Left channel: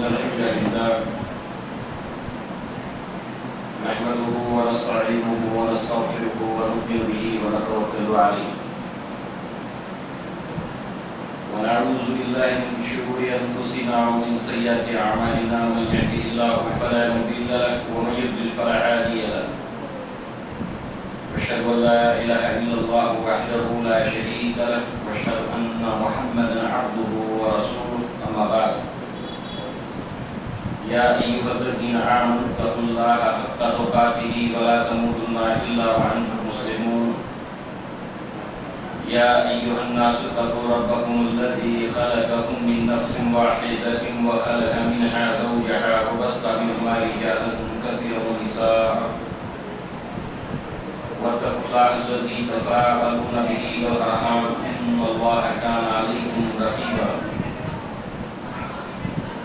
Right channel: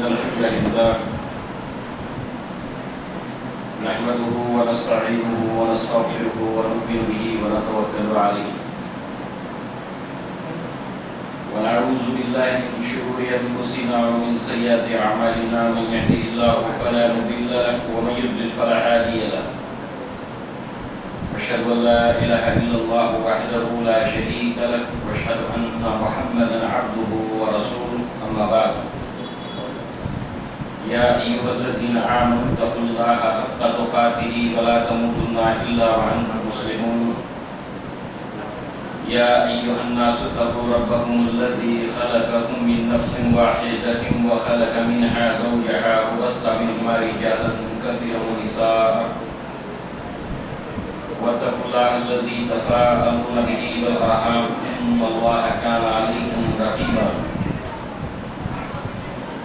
إن الحمد لله نحمده ونستعينه ونستغفره ونؤمن به ونتوكل عليه ونعوذ بالله من شرور أنفسنا ومن سيئات أعمالنا من يهده الله فلا مضل له ومن يضلل فلا هادي له أشهد أن لا إله إلا الله وحده لا شريك له وأشهد أن محمدا عبده ورسوله أما بعد يا أيها الذين آمنوا اتقوا الله حق تقاته ولا تموتن إلا وأنتم مسلمون يا أيها الناس اتقوا ربكم الذي خلقكم من نفس واحدة وخلق منها زوجها وبث منهما رجالا كثيرا ونساء واتقوا الله الذي تساءلون به والأرحام إن الله كان عليكم رقيبا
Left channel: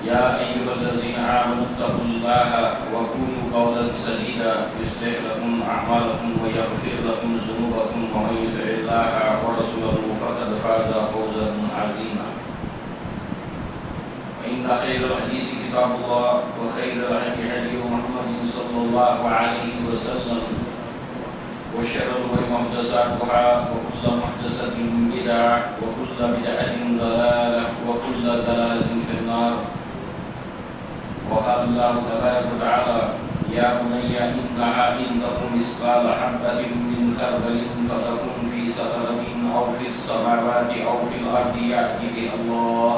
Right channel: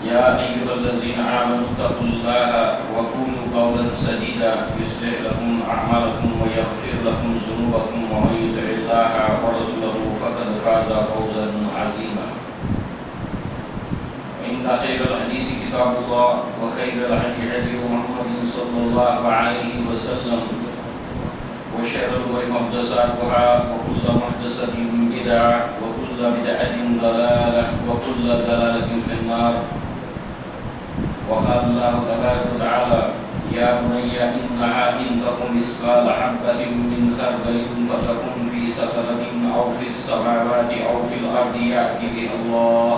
يا أيها الذين آمنوا اتقوا الله وقولوا قولا سديدا يصلح لكم أعمالكم ويغفر لكم ذنوبكم ومن يطع الله ورسوله فقد فاز فوزا عظيما إن خير الحديث كتاب الله وخير الهدي هدي محمد صلى الله عليه وسلم وشر الأمور محدثاتها وكل محدثة بدعة وكل بدعة ضلالة وكل ضلالة في النار وقال الله تبارك وتعالى يا بني إنها إن تكن مثقال حبة من خردل فتكن في صخرة أو في السماوات أو في الأرض يأتي بها الله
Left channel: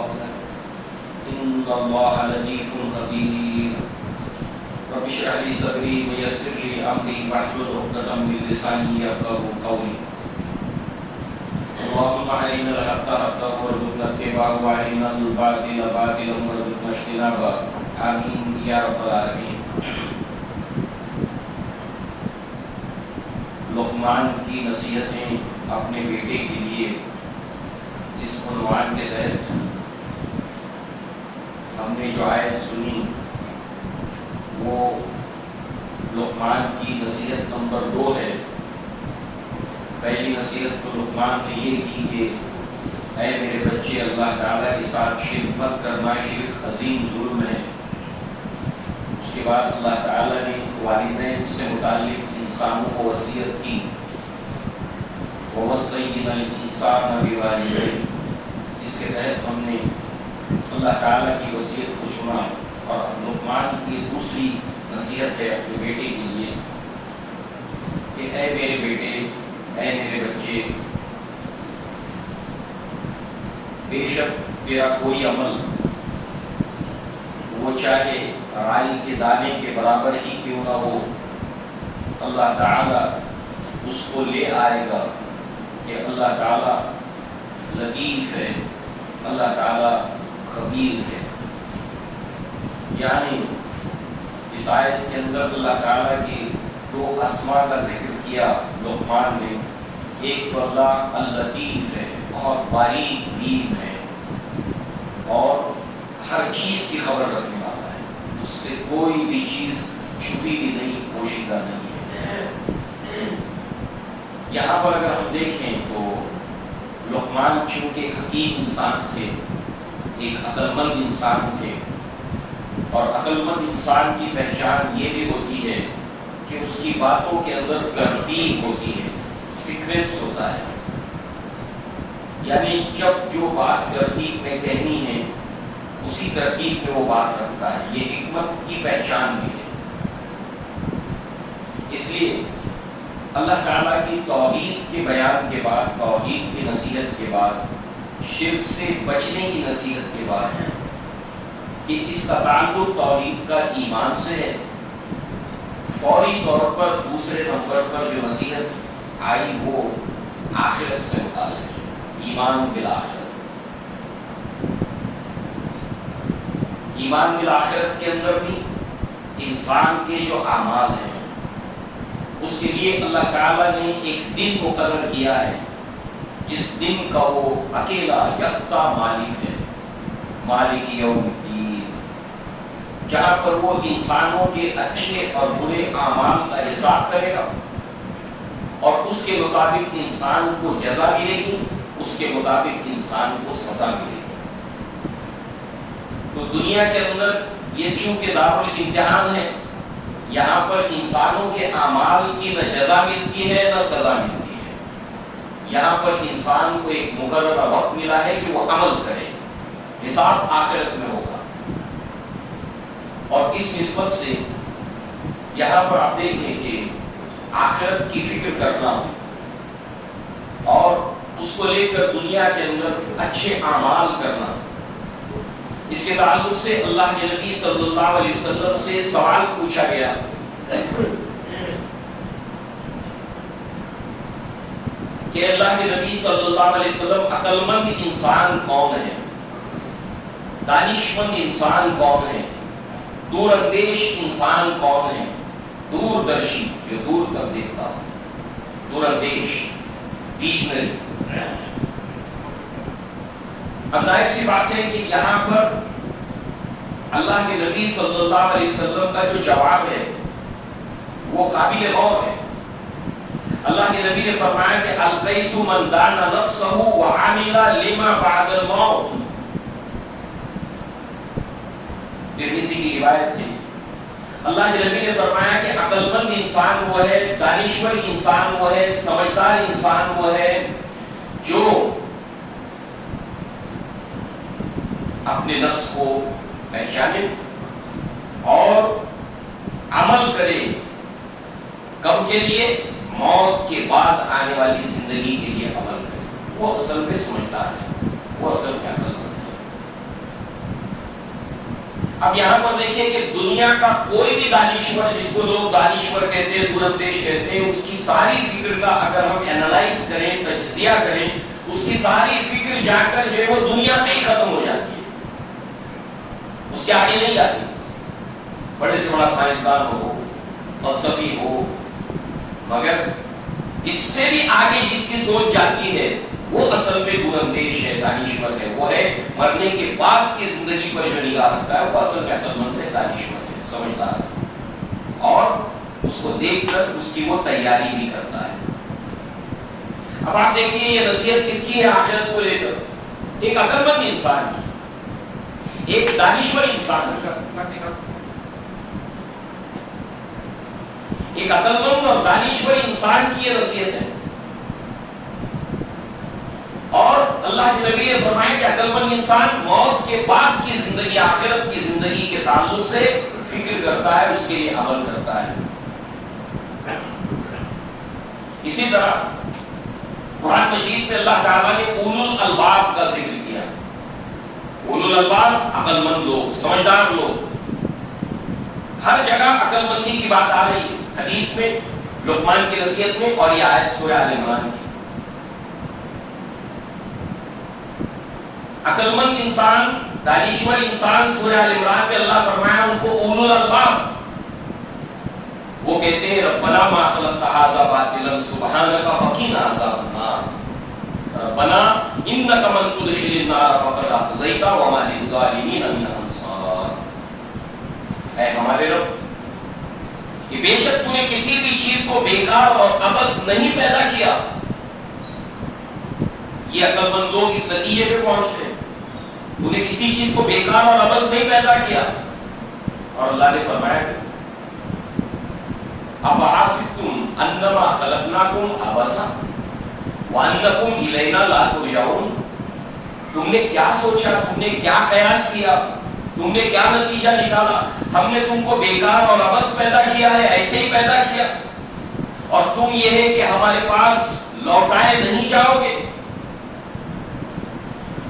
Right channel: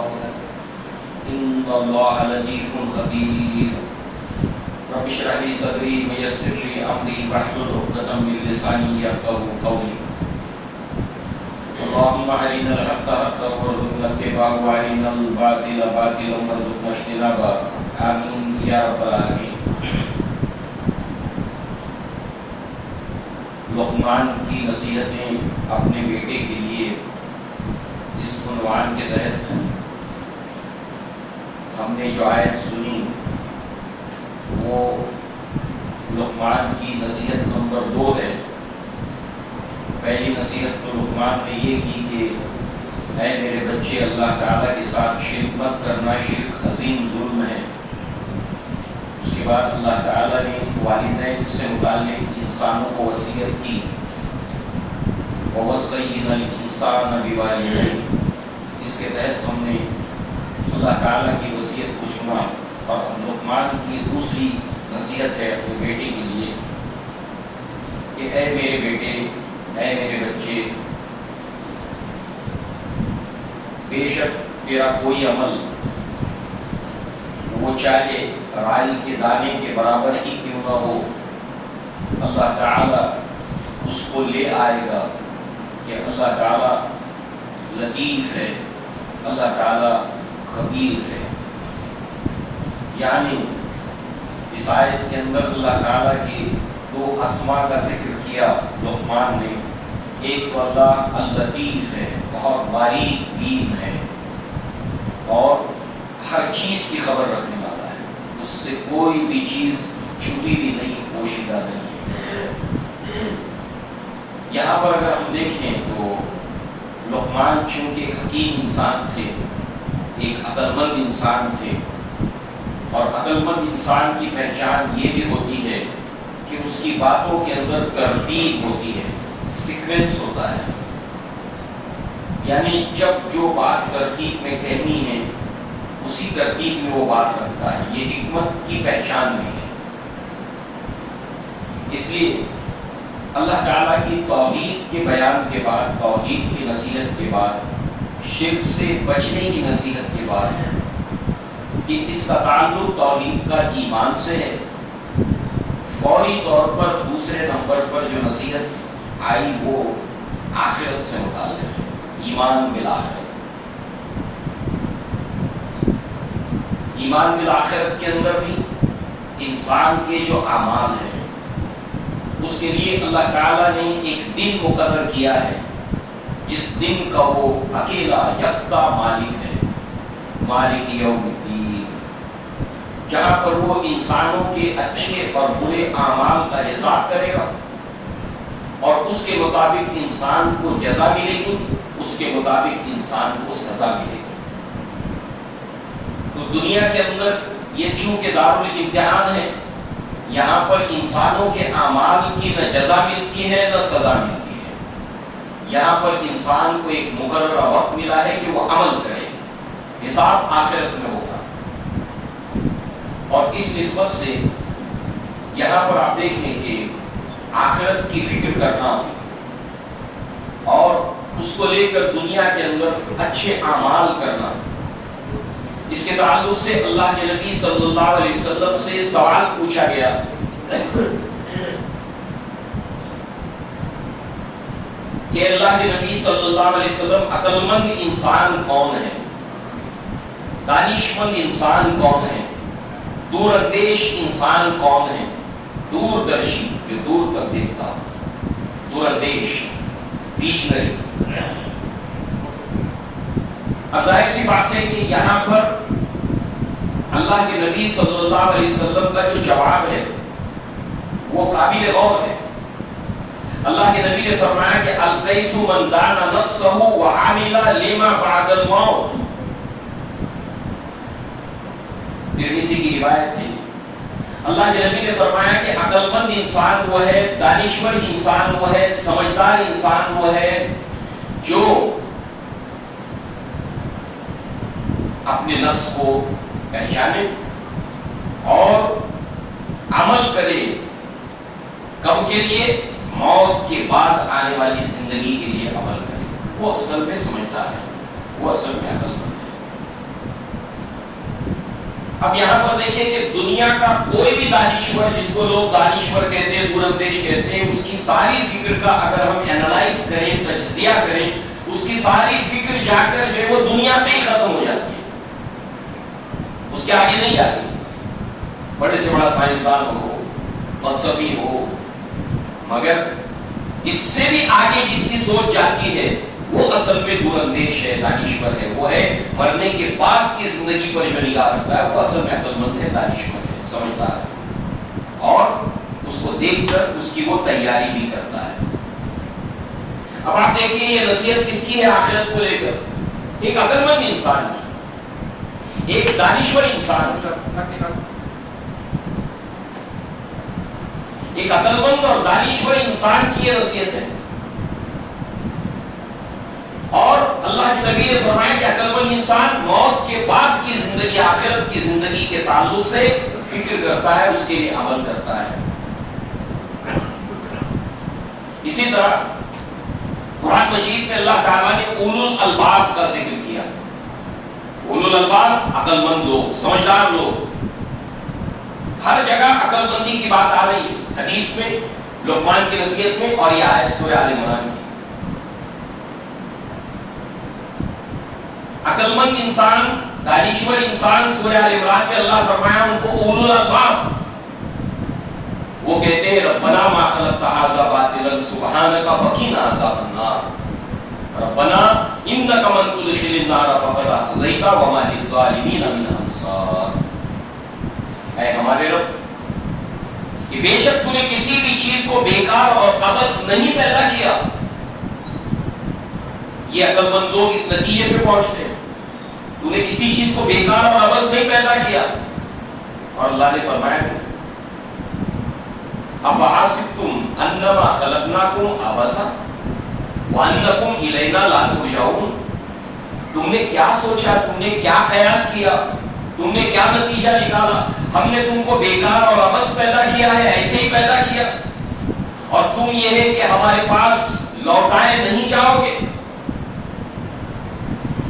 إن الله لطيف خبير رب اشرح لي صدري ويسر لي أمري واحلل عقدة من لساني يفقهوا قولي اللهم أرنا الحق حقا وارزقنا اتباعه وأرنا الباطل باطلا وارزقنا اجتنابه آمین یا رب العالمین۔ لقمان کی نصیحتیں اپنے بیٹے کے لیے اس عنوان کے تحت ہم نے جو آیت سنی وہ لقمان کی نصیحت نمبر 2 ہے۔ پہلی نصیحت تو لقمان نے یہ کی کہ اے میرے بچے اللہ تعالیٰ کے ساتھ شرک مت کرنا، شرک عظیم ظلم ہے۔ اس کے بعد اللہ تعالیٰ نے والدین سے متعلق انسانوں کو وصیت کی، وَوَصَّيْنَا الْإِنسَانَ بِوَالِدَيْهِ۔ اس کے تحت ہم نے اللہ تعالیٰ کی وصیت کو سنا، اور لقمان کی دوسری نصیحت ہے اپنے بیٹے کے لیے کہ اے میرے بیٹے، اے میرے بچے، بے شک تیرا کوئی عمل وہ چاہے رائی کے دانے کے برابر ہی کیوں نہ ہو، اللہ تعالیٰ اس کو لے آئے گا کہ اللہ تعالیٰ لطیف ہے، اللہ تعالیٰ خبیر ہے۔ یعنی اس آیت کے اندر اللہ تعالیٰ کی 2 اسماء کا ذکر کیا لقمان نے۔ ایک تو اللہ اللطیف ہے، بہت باریک بین ہے اور ہر چیز کی خبر رکھنے والا ہے، اس سے کوئی بھی چیز چھپی بھی نہیں، پوشیدہ نہیں ہے۔ یہاں پر اگر ہم دیکھیں تو لقمان چونکہ ایک حکیم انسان تھے، ایک عقل مند انسان تھے، اور عقل مند انسان کی پہچان یہ بھی ہوتی ہے کہ اس کی باتوں کے اندر ترتیب ہوتی ہے، سیکوینس ہوتا ہے۔ یعنی جب جو بات ترتیب میں کہنی ہے اسی ترتیب میں وہ بات رکھتا ہے، یہ حکمت کی پہچان بھی ہے۔ اس لیے اللہ تعالیٰ کی توحید کے بیان کے بعد، توحید کی نصیحت کے بعد، شرک سے بچنے کی نصیحت کے بعد کہ اس کا تعلق توحید کا ایمان سے ہے، فوری طور پر دوسرے نمبر پر جو نصیحت آئی وہ آخرت سے متعلق ہے، ایمان بالآخرت۔ ایمان بالآخرت کے اندر بھی انسان کے جو اعمال ہیں اس کے لیے اللہ تعالیٰ نے ایک دن مقرر کیا ہے جس دن کا وہ اکیلا یکتا مالک ہے، مالک یوم الدین، جہاں پر وہ انسانوں کے اچھے اور برے اعمال کا حساب کرے گا اور اس کے مطابق انسان کو جزا ملے گی، اس کے مطابق انسان کو سزا ملے گی۔ تو دنیا کے اندر یہ چونکہ دارالامتحان ہے، یہاں پر انسانوں کے اعمال کی نہ جزا ملتی ہے نہ سزا ملتی ہے، یہاں پر انسان کو ایک مقررہ وقت ملا ہے کہ وہ عمل کرے، حساب آخرت میں ہوگا۔ اور اس نسبت سے یہاں پر آپ دیکھیں کہ آخرت کی فکر کرنا اور اس کو لے کر دنیا کے اندر اچھے اعمال کرنا، اس کے تعلق سے اللہ کے نبی صلی اللہ علیہ وسلم سے سوال پوچھا گیا کہ اللہ کے نبی صلی اللہ علیہ وسلم عقل مند انسان کون ہے، دانشمند انسان کون ہے، دور اندیش انسان کون ہے، دور درشی جو دور کر دیکھتا، دور اندیش ویژنری۔ اب ظاہر سی بات ہے کہ یہاں پر اللہ کے نبی صلی اللہ علیہ وسلم کا جو جواب ہے وہ قابل غور ہے۔ اللہ کے نبی نے فرمایا کہ القیس من دان نفسہ وعمل لما بعد الموت، ترمذی کی روایت ہے۔ اللہ کے نبی نے فرمایا کہ عقل مند انسان وہ ہے، دانشور انسان وہ ہے، سمجھدار انسان وہ ہے جو اپنے نفس کو پہچانے اور عمل کرے، کب کے لیے؟ موت کے بعد آنے والی زندگی کے لیے عمل کرے۔ وہ اصل میں سمجھدار ہے، وہ اصل میں عقل مند ہے۔ اب یہاں پر دیکھیں کہ دنیا کا کوئی بھی دانشور، جس کو لوگ دانشور کہتے ہیں، دور اندیش کہتے ہیں، اس کی ساری فکر کا اگر ہم اینالائز کریں، تجزیہ کریں، اس کی ساری فکر جا کر جو ہے وہ دنیا پہ ہی ختم ہو جاتی ہے، اس کے آگے نہیں جاتی۔ بڑے سے بڑا سائنسدان ہو، فلسفی ہو، مگر اس سے بھی آگے جس کی سوچ جاتی ہے وہ اصل میں دور اندیش ہے، دانشور ہے، وہ ہے مرنے کے بعد کی زندگی پر جو نگاہ رکھتا ہے، وہ اصل میں عقل مند ہے، دانشور ہے، سمجھدار ہے، اور اس کو دیکھ کر اس کی وہ تیاری بھی کرتا ہے۔ اب آپ دیکھیں یہ نصیحت کس کی ہے آخرت کو لے کر؟ ایک عقل مند انسان کی، ایک دانشور انسان کی، ایک عقل مند اور دانشور انسان کی یہ نصیحت ہے۔ اور اللہ کے نبی نے فرمایا کہ عقل مند انسان موت کے بعد کی زندگی، آخرت کی زندگی کے تعلق سے فکر کرتا ہے، اس کے لیے عمل کرتا ہے۔ اسی طرح قرآن مجید میں اللہ تعالیٰ نے اولو الالباب کا ذکر کیا۔ اولو الالباب عقل مند لوگ، سمجھدار لوگ، ہر جگہ عقل مندی کی بات آ رہی ہے، حدیث میں، لقمان کی نصیحت میں، اور یہ آیت سورہ آل عمران کی۔ عقل مند انسان، دانشور انسان، سورہ آل عمران میں اللہ فرمایا ان کو اولو الالباب، وہ کہتے ہیں ربنا ما خلقت ھذا باطلا سبحانک فقنا عذاب النار، ربنا انک من تدخل النار فقد اخزیت وما للظالمین من انصار۔ اے ہمارے رب، کہ بے شک تو نے کسی بھی چیز کو بیکار اور عبث نہیں پیدا کیا۔ یہ عقل مند لوگ اس نتیجے پہ پہنچتے ہیں، تو نے کسی چیز کو بیکار اور عبث نہیں پیدا کیا۔ اور اللہ نے فرمایا افحسبتم انما خلقناکم عبثا وانکم الینا لا ترجعون، تم نے کیا سوچا، تم نے کیا خیال کیا، تم نے کیا نتیجہ نکالا؟ ہم نے تم کو بیکار اور عبث پیدا کیا ہے، ایسے ہی پیدا کیا، اور تم یہ ہے کہ ہمارے پاس لوٹائے نہیں جاؤ گے۔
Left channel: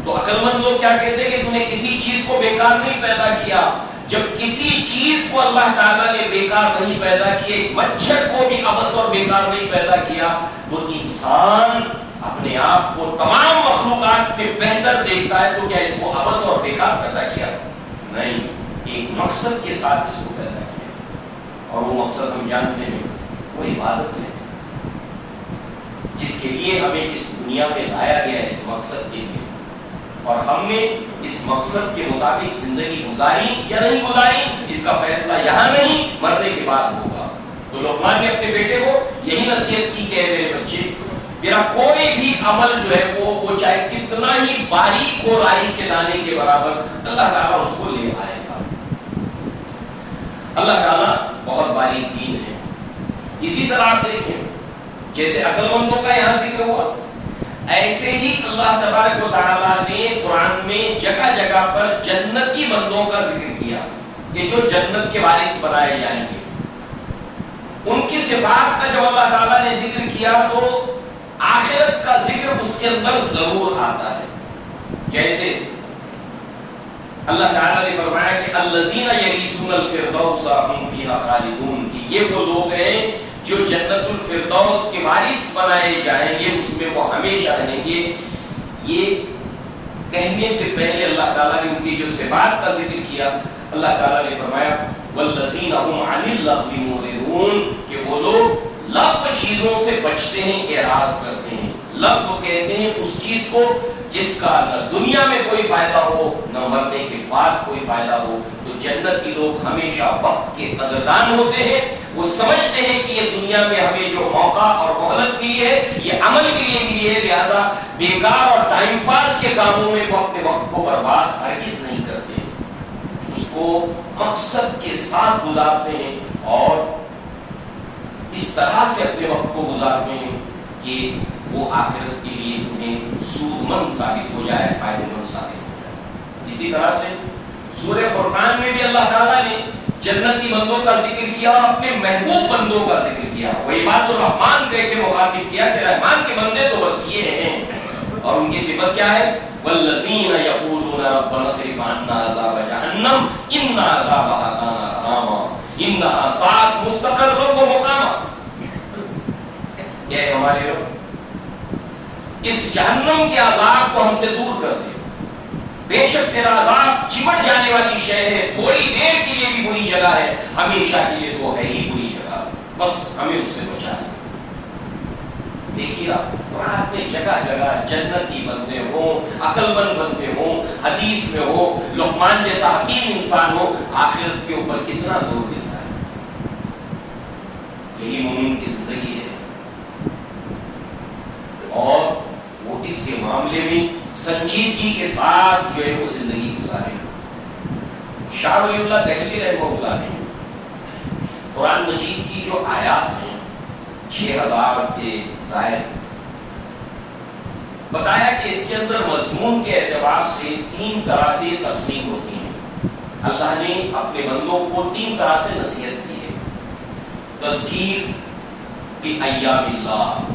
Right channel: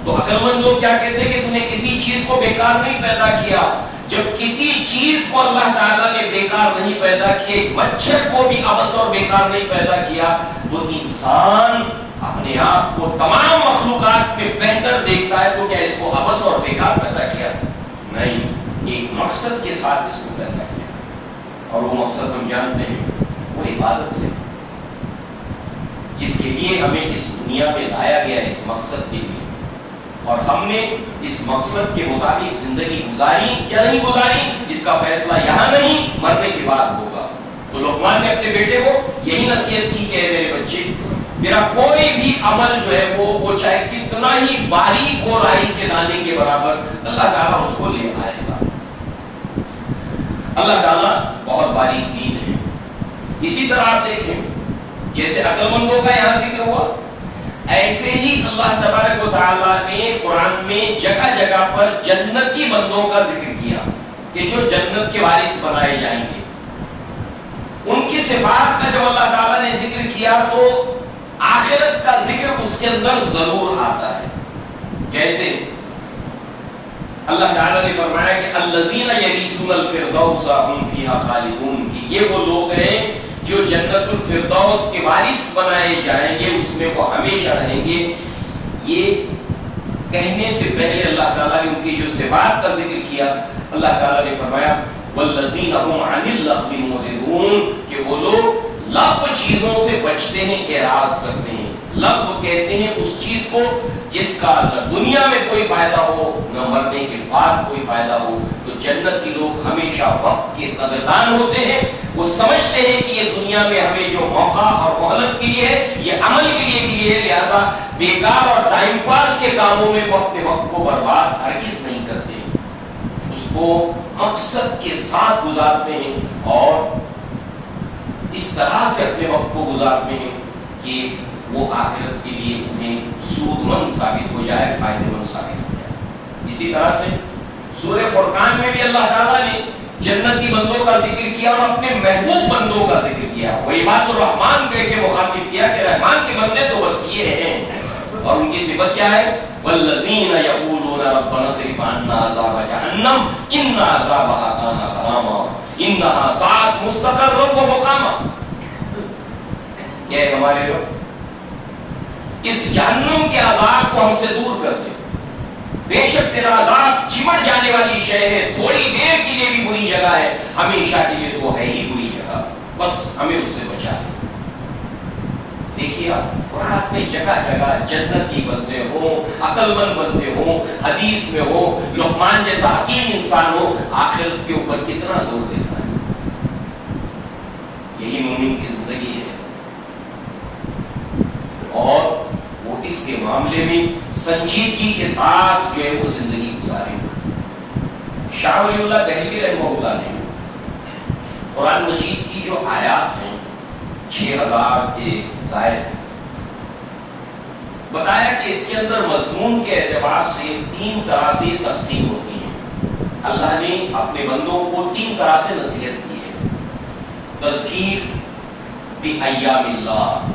تو عقل مند لوگ کیا کہتے ہیں کہ تم نے کسی چیز کو بیکار نہیں پیدا کیا۔ جب کسی چیز کو اللہ تعالیٰ نے بیکار نہیں پیدا کیا، مچھر کو بھی عبث اور بیکار نہیں پیدا کیا، تو انسان اپنے آپ کو تمام مخلوقات میں بہتر دیکھتا ہے، تو کیا اس کو عبث اور بیکار پیدا کیا؟ نہیں، ایک مقصد کے ساتھ اس کو پیدا کیا، اور وہ مقصد ہم جانتے ہیں، وہ عبادت ہے، جس کے لیے ہمیں اس دنیا میں لایا گیا، اس مقصد کے لیے، اور ہم نے اس مقصد کے مطابق زندگی گزاری یا نہیں گزاری، اس کا فیصلہ یہاں نہیں، مرنے کے بعد ہوگا۔ تو لقمان نے اپنے بیٹے کو یہی نصیحت کی کہ میرے بچے، میرا کوئی بھی عمل جو ہے وہ چاہے کتنا ہی باریک ہو رائی کے دانے کے برابر، اللہ تعالیٰ اس کو لے آئے گا۔ اللہ تعالیٰ بہت باریک دین ہے۔ اسی طرح آپ دیکھیں جیسے عقل مندوں کا یہاں ذکر ہوا، ایسے ہی اللہ تبارک و تعالیٰ نے قرآن میں جگہ جگہ پر جنتی بندوں کا ذکر کیا کہ جو جنت کے وارث بنائے جائیں گے۔ ان کی صفات کا جب اللہ تعالیٰ نے ذکر کیا تو آخرت کا ذکر اس کے اندر ضرور آتا ہے۔ جیسے اللہ تعالیٰ نے فرمایا کہ الذین یریثون الفردوس هم فیہا خالدون، کہ یہ وہ لوگ ہیں جو جنت الفردوس کے وارث بنائے جائیں گے، اس میں وہ ہمیشہ رہیں گے۔ یہ کہنے سے پہلے اللہ تعالیٰ نے ان کی جو صفات کا ذکر کیا، اللہ تعالیٰ نے فرمایا والذین هم عن اللغو معرضون، کہ وہ لوگ لغو چیزوں سے بچتے ہیں، اعراض کرتے ہیں۔ لغو کہتے ہیں اس چیز کو جس کا نہ دنیا میں کوئی فائدہ ہو نہ مرنے کے بعد کوئی فائدہ ہو۔ تو جنتی لوگ ہمیشہ وقت کے قدردان ہوتے ہیں، وہ سمجھتے ہیں کہ یہ دنیا میں ہمیں جو موقع اور مہلت ملی ہے یہ عمل کے لیے ملی ہے، لہذا بیکار اور ٹائم پاس کے کاموں میں وقت کو برباد ہرگز نہیں کرتے، اس کو مقصد کے ساتھ گزارتے ہیں اور اس طرح سے اپنے وقت کو گزارتے ہیں کہ وہ آخرت کے لیے انہیں سود مند ثابت ہو جائے، فائدہ مند ثابت ہو جائے۔ اسی طرح سے سورہ فرقان میں بھی اللہ تعالیٰ نے جنتی بندوں کا ذکر کیا اور اپنے محبوب بندوں کا ذکر کیا، وہ عباد الرحمان کہہ کے مخاطب کیا کہ رحمان کے بندے تو بس یہ ہیں، اور ان کی صفت کیا ہے؟ والذین یقولون ربنا اصرف عنا عذاب جہنم ان عذابها کان غراما انہا ساعت مستقرا و مقاما۔ کہ ہمارے لوگ اس جہنم کے عذاب کو ہم سے دور کر دے، بے شک تیرا عذاب چمٹ جانے والی شے ہے، تھوڑی دیر کے لیے بھی بری جگہ ہے، ہمیشہ کے لیے تو ہے ہی بری جگہ، بس ہمیں اس سے بچا لے۔ دیکھیے آپ قرآن میں جگہ جگہ جنتی بندے ہوں، عقل مند بندے ہوں، حدیث میں ہو، لقمان جیسا حکیم انسان ہو، آخرت کے اوپر کتنا زور دیتا ہے۔ یہی مومن کی زندگی ہے، اور وہ اس کے معاملے میں سنجیدگی کے ساتھ جو ہے وہ زندگی گزارے۔ شاہ ولی اللہ دہلوی رحمہ اللہ نے قرآن مجید کی جو آیات ہیں 6000 کے زائد، بتایا کہ اس کے اندر مضمون کے اعتبار سے 3 طرح سے تقسیم ہوتی ہیں۔ اللہ نے اپنے بندوں کو 3 طرح سے نصیحت کی ہے۔ تذکیر بایام اللہ،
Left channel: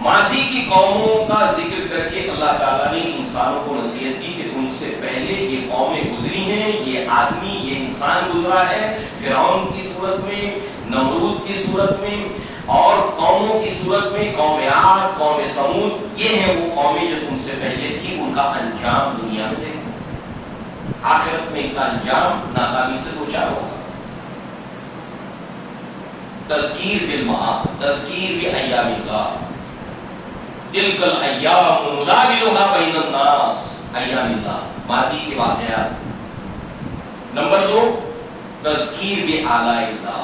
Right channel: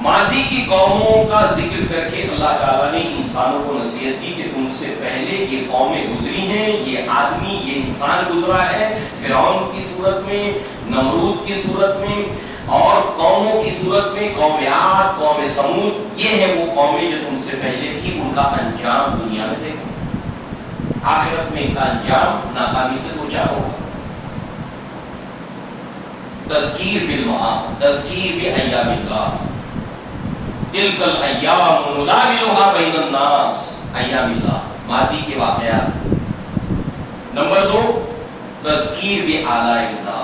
ماضی کی قوموں کا ذکر کر کے اللہ تعالیٰ نے انسانوں کو نصیحت دی کہ تم سے پہلے یہ قومیں گزری ہیں، یہ آدمی یہ انسان گزرا ہے، فرعون کی صورت میں، نمرود کی صورت میں، اور قوموں کی صورت میں قوم عاد، قوم سمود، یہ ہیں وہ قومیں جو تم سے پہلے تھی، ان کا انجام دنیا میں دیکھو، آخرت میں ان کا انجام ناکامی سے دوچار ہوگا۔ تذکیر بالمعاد، تذکیر بایام اللہ، تلک الایام نداولها بین الناس، ایام اللہ، ماضی کے واقعات۔ نمبر 2 تذکیر بآلاء اللہ،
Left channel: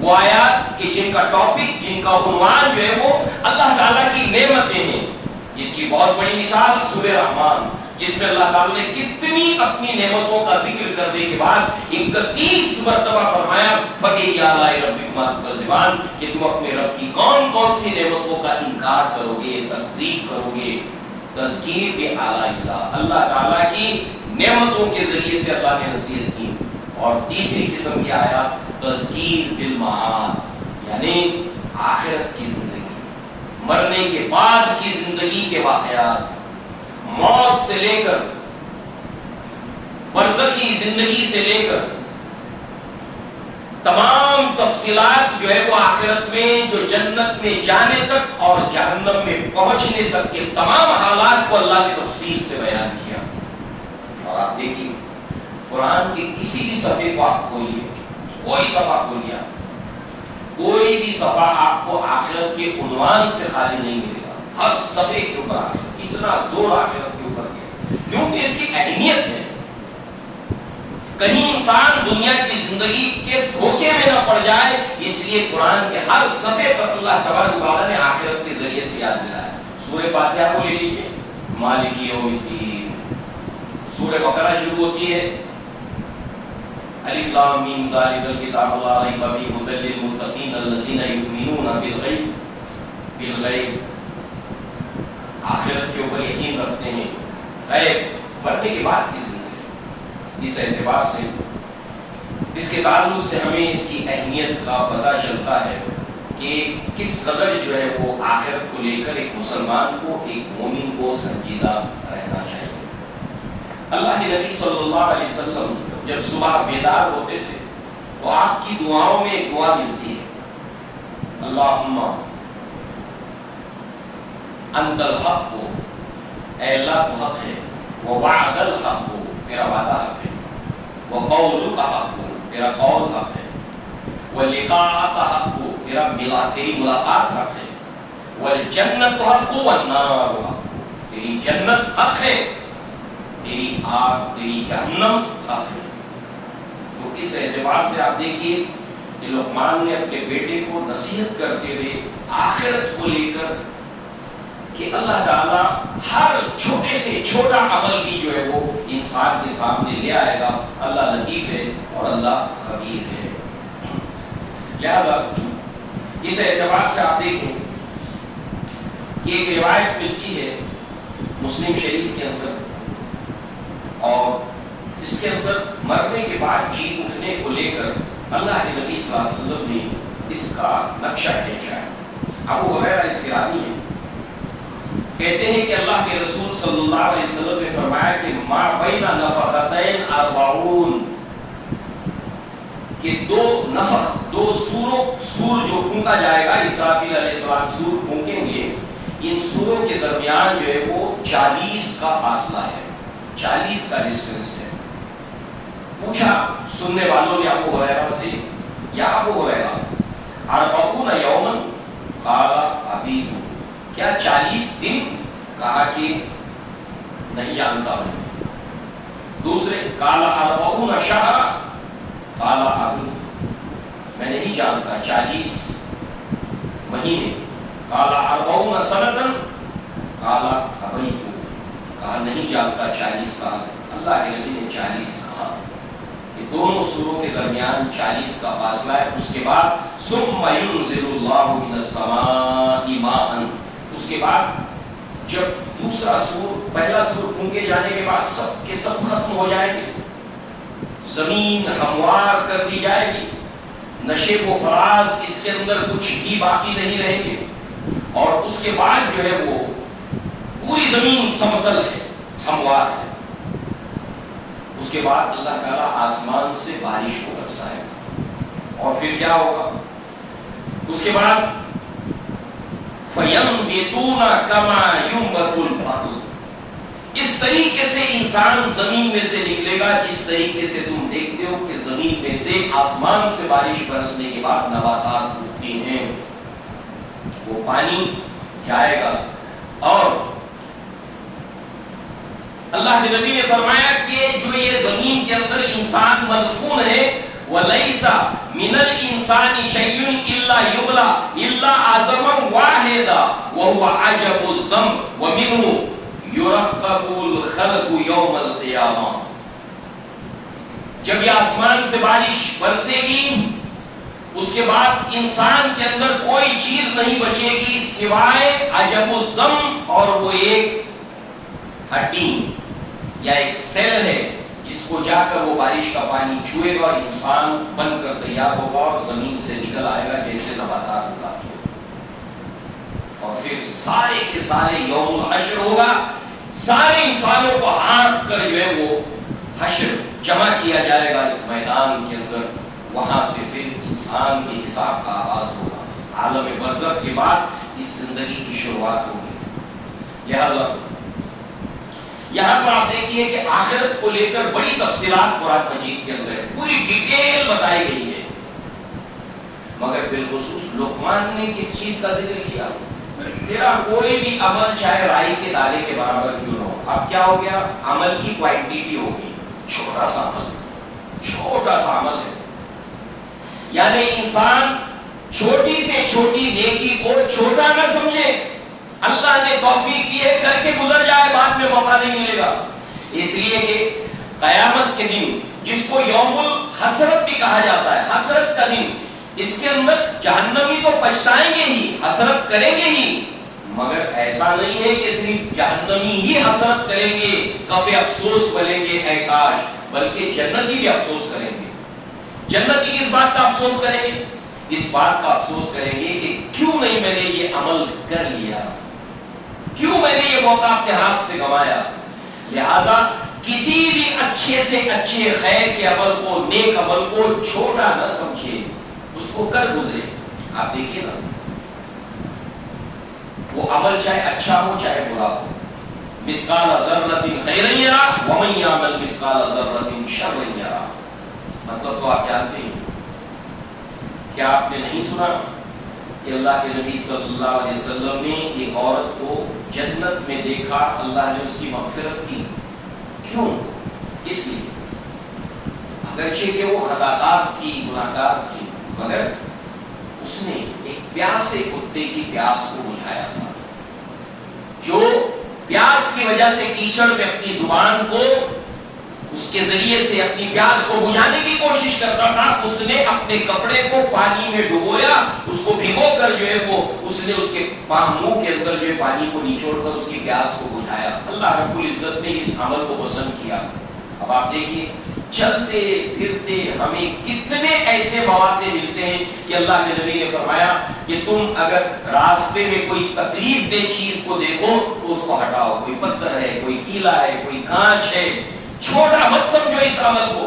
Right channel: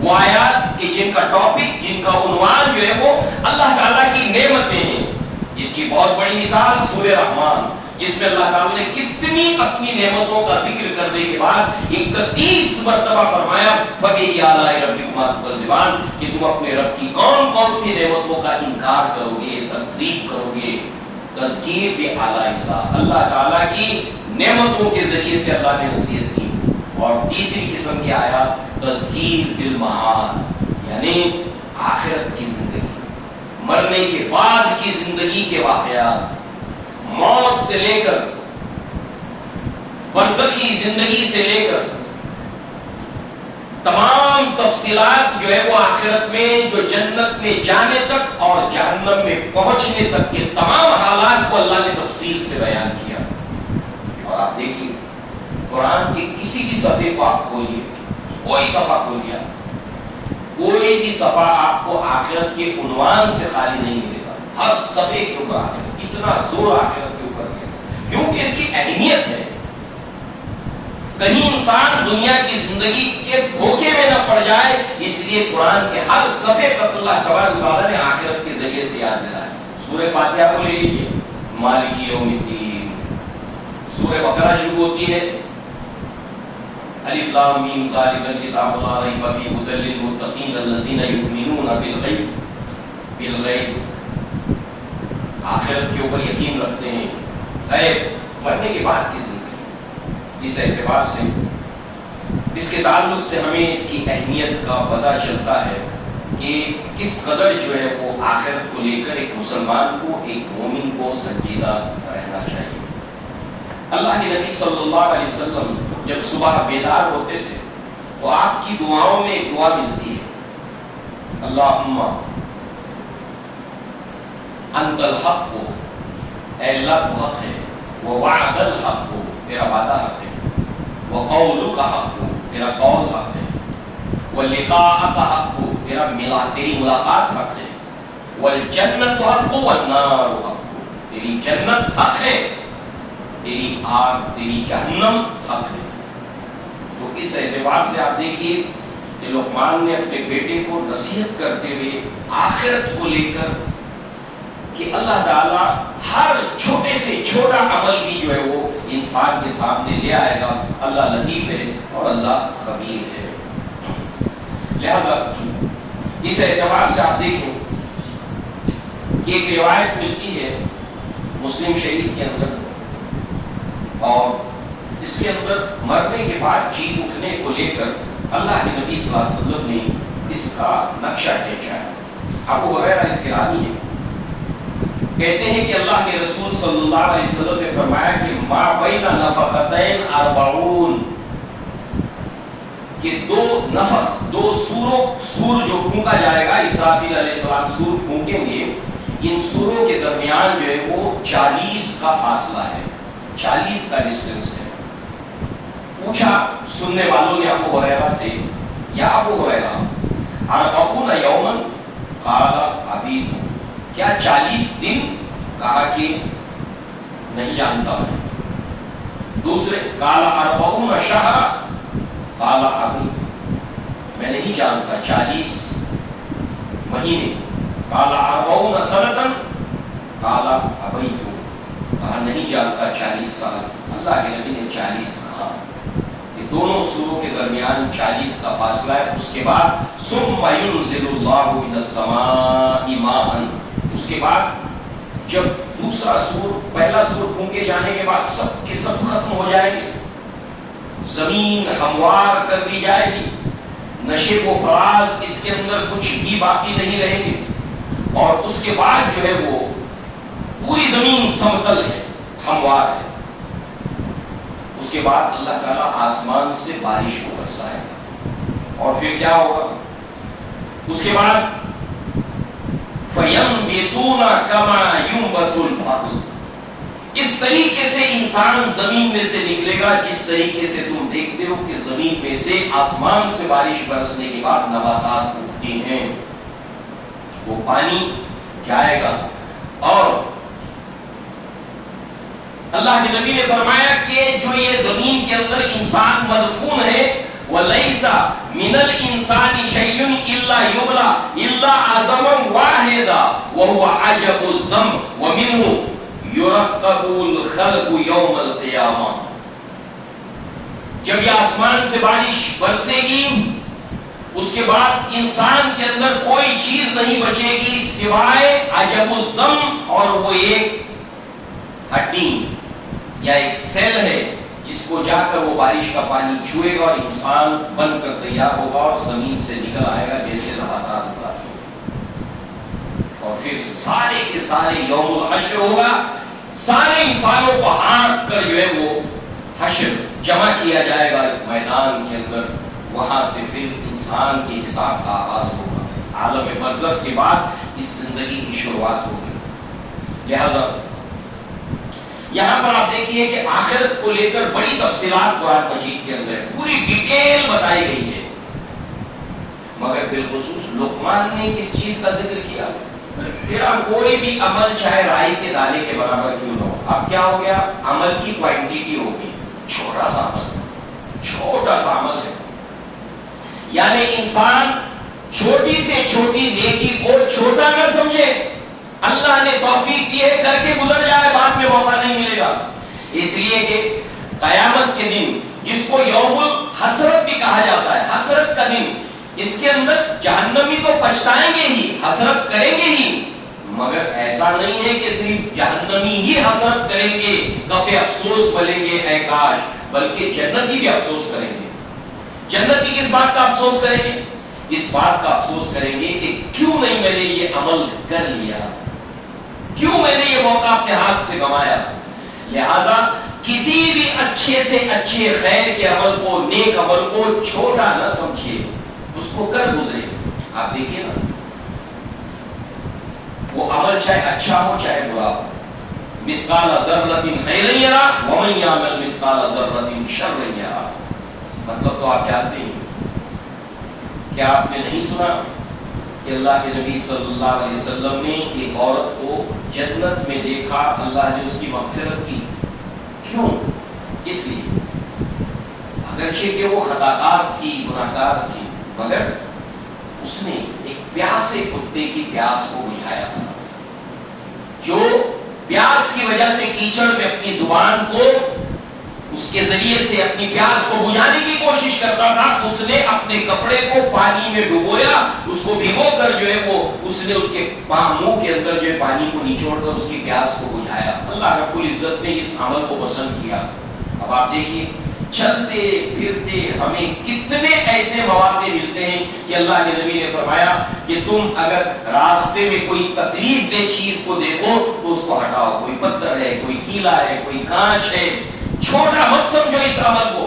وہ آیات کہ جن کا ٹاپک، جن کا عنوان جو ہے وہ اللہ تعالیٰ کی نعمتیں ہیں، جس کی بہت بڑی مثال سورہ رحمان، جس میں اللہ تعالیٰ نے کتنی اپنی نعمتوں کا ذکر کرنے کے بعد 31 مرتبہ فرمایا فَبِأَيِّ آلَاءِ رَبِّكُمَا تُكَذِّبَانِ، کہ تم اپنے رب کی کون کون سی نعمتوں کا انکار کرو گے، تکذیب کرو گے۔ تذکیر بآلاء اللہ، اللہ تعالیٰ کی نعمتوں کے ذریعے سے اللہ نے نصیحت کی۔ اور تیسری قسم کی آیات تذکیر بالمعاد، یعنی آخرت کی زندگی، مرنے کے بعد کی زندگی کے واقعات، موت سے لے کر برزخی زندگی سے لے کر تمام تفصیلات جو ہے وہ آخرت میں، جو جنت میں جانے تک اور جہنم میں پہنچنے تک کے تمام حالات کو اللہ نے تفصیل سے بیان کیا۔ اور آپ دیکھیے قرآن کے کسی بھی صفحے کو آپ کھولیے، کوئی صفحہ کھولیا، کوئی بھی صفحہ آپ کو آخرت کے عنوان سے خالی نہیں ملے گا، ہر صفحے کے اوپر آخرت، اتنا زور آخرت کے اوپر دیا کیونکہ اس کی اہمیت ہے۔ کہیں انسان دنیا کی زندگی کے دھوکے میں نہ پڑ جائے، اس لیے قرآن کے ہر صفحے پر اللہ تبارک و تعالیٰ نے آخرت کے ذریعے سے یاد دلایا ہے۔ سورہ فاتحہ کو لے لیجیے، مالک یوم الدین۔ سورہ بقرہ شروع ہوتی ہے الف لام میم ذالک الکتاب لا ریب فیہ ھدی للمتقین الذین یؤمنون بالغیب، آخرت کے اوپر یقین رکھتے ہیں، غیب مرنے کے بعد کی زندگی۔ اس اعتبار سے اس کے تعلق سے ہمیں اس کی اہمیت کا پتہ چلتا ہے کہ کس قدر جو ہے وہ آخرت کو لے کر ایک مسلمان کو، ایک مومن کو سنجیدہ رہنا چاہیے۔ اللہ کے نبی صلی اللہ علیہ وسلم جب صبح بیدار ہوتے تھے تو آپ کی دعاؤں میں ایک دعا ملتی ہے، اللہم انت الحق، اے اللہ تو حق ہے، ووعد الحق، تیرا وعدہ حق ہے، وقولک حق، تیرا قول حق ہے، ولقاءک حق، تیری ملاقات حق ہے، والجنت حق والنار حق، تیری جنت حق ہے، تیری آگ، تیری جہنم حق ہے۔ تو اس اعتبار سے آپ دیکھیے کہ لقمان نے اپنے بیٹے کو نصیحت کرتے ہوئے آخرت کو لے کر کہ اللہ تعالیٰ ہر چھوٹے سے چھوٹا عمل بھی جو ہے وہ انسان کے سامنے لے آئے گا، اللہ لطیف ہے اور اللہ خبیر ہے۔ لہذا اس اعتبار سے آپ دیکھیں کہ ایک روایت ملتی ہے مسلم شریف کے اندر، اور اس کے اندر مرنے کے بعد جی اٹھنے کو لے کر اللہ کے نبی صلی اللہ علیہ وسلم نے اس کا نقشہ کھینچا ہے۔ ابو ہریرہ اس کے راوی ہیں، کہتے ہیں کہ اللہ کے رسول صلی اللہ علیہ وسلم نے فرمایا کہ ما بین نفختین 40، کہ دو نفخ، دو سور جو پھونکا جائے گا، اسرافیل علیہ السلام سور پھونکیں گے، ان سوروں کے درمیان جو ہے وہ 40 کا فاصلہ ہے، 40 کا ڈسٹنس ہے۔ پوچھا سننے والوں نے ابو ہریرہ سے، یا ابو ہریرہ 40 یوما، قال ابیت، کیا 40 دن؟ کہا کہ نہیں جانتا میں۔ دوسرے قال 40 شہرا، قال ابیت، میں نہیں جانتا 40 مہینے۔ قال 40 سنتا، قال ابیت، کہا نہیں جانتا 40 سال۔ اللہ کے نبی نے 40 کہا کہ دونوں سوروں کے درمیان 40 کا فاصلہ ہے۔ اس کے بعد ثم ينزل الله من السماء ماء، اس کے بعد جب دوسرا سور، پہلا سور پھونکے جانے کے بعد سب کے سب ختم ہو جائے گی، زمین ہموار کر دی جائے گی، نشیب و فراز اس کے اندر کچھ بھی باقی نہیں رہے گی، اور اس کے بعد جو ہے وہ پوری زمین سمتل ہے، ہموار ہے۔ اس کے بعد اللہ تعالیٰ آسمان سے بارش کو برسائے گا، اور پھر کیا ہوگا؟ اس کے بعد فَيَنْبِتُونَ كَمَا يُنْبَتُ الْبَقْلُ، اس طریقے سے انسان زمین میں سے نکلے گا جس طریقے سے تم دیکھتے ہو کہ زمین میں سے آسمان سے بارش برسنے کے بعد نباتات اگتی ہیں، وہ پانی جائے گا۔ اور اللہ کے نبی نے فرمایا کہ جو یہ زمین کے اندر انسان مدفون ہے، وَلَيْسَ مِنَ الْإِنسَانِ شَيْءٌ إِلَّا يُبْلَى إِلَّا عَظَمًا وَاحِدًا وَهُوَ عَجَبُ الذَّنْبِ وَمِنْهُ يُرَقَّبُ الْخَلْقُ يَوْمَ الْقِيَامَةِ، جب یہ آسمان سے بارش برسے گی اس کے بعد انسان کے اندر کوئی چیز نہیں بچے گی سوائے عجب الذنب، اور وہ ایک ہڈی یا ایک سیل ہے جس کو جا کر وہ بارش کا پانی چھوئے گا اور انسان بن کر تیار ہوگا اور زمین سے نکل آئے گا جیسے نباتات اگاتے ہیں، اور پھر سارے کے سارے یوم الحشر ہوگا، سارے انسانوں کو ہانک کر جو ہے وہ حشر جمع کیا جائے گا ایک میدان کے اندر، وہاں سے پھر انسان کے حساب کا آغاز ہوگا، عالم برزخ کے بعد اس زندگی کی شروعات ہوگی۔ لہذا یہاں پر آپ دیکھیے کہ آخرت کو لے کر بڑی تفصیلات قرآن مجید کے اندر پوری ڈیٹیل بتائی گئی ہے، مگر بالخصوص لقمان نے کس چیز کا ذکر کیا؟ تیرا کوئی بھی عمل چاہے رائی کے دانے کے برابر کیوں نہ ہو، اب کیا ہو گیا؟ عمل کی کوانٹیٹی ہوگی، چھوٹا سا عمل چھوٹا سا عمل ہے. یعنی انسان چھوٹی سے چھوٹی نیکی کو چھوٹا نہ سمجھے. اللہ نے توفیق دی ہے, کر کے گزر جائے, بعد میں موقع نہیں ملے گا. اس لیے کہ قیامت کے دن جس کو یوم الحسرت بھی کہا جاتا ہے, حسرت کا دن, اس کے اندر جہنمی تو پچھتائیں گے ہی, حسرت کریں گے ہی, مگر ایسا نہیں ہے کہ صرف جہنمی ہی حسرت کریں گے, کفے افسوس بولیں گے اے کاش, بلکہ جنتی بھی افسوس کریں گے. جنتی کس بات کا افسوس کریں گے؟ اس بات کا افسوس کریں گے کہ کیوں نہیں میں نے یہ عمل کر لیا, کیوں میں نے یہ موقع اپنے ہاتھ سے گنوایا. لہذا کسی بھی اچھے سے اچھے خیر کے عمل کو, نیک عمل کو چھوٹا نہ سمجھے, اس کو کر گزرے. آپ دیکھیے نا, وہ عمل چاہے اچھا ہو چاہے برا ہو, مثقال ذرۃ خیرا یرا ومن یعمل مثقال ذرۃ شرا یرا. مطلب تو آپ جانتے ہیں. کیا آپ نے نہیں سنا کہ اللہ کے نبی صلی اللہ علیہ وسلم نے ایک عورت کو جنت میں دیکھا, اللہ نے اس کی مغفرت کی. کیوں؟ کس لیے؟ اگرچہ کہ وہ خطاکار تھی, گناہگار تھی, مگر اس نے ایک پیاسے کتے کی پیاس کو بجھایا تھا. جو پیاس کی وجہ سے کیچڑ میں اپنی زبان کو, اس کے ذریعے سے اپنی پیاس کو بجھانے کی کوشش کرتا تھا, اس نے اپنے کپڑے کو پانی میں ڈبویا, اس کو بھگو کر جو ہے وہ اس نے اس کے منہ کے اندر جو ہے پانی کو نچوڑ کر اس کی پیاس کو بجھایا. اللہ رب العزت نے اس عمل کو پسند کیا. اب آپ دیکھیے, چلتے پھرتے ہمیں کتنے ایسے مواقع ملتے ہیں کہ اللہ کے نبی نے فرمایا کہ تم اگر راستے میں کوئی تکلیف دہ چیز کو دیکھو تو اس کو ہٹاؤ. کوئی پتھر ہے, کوئی کیلا ہے, کوئی کانچ ہے, چھوٹا مت سمجھو اس عمل کو.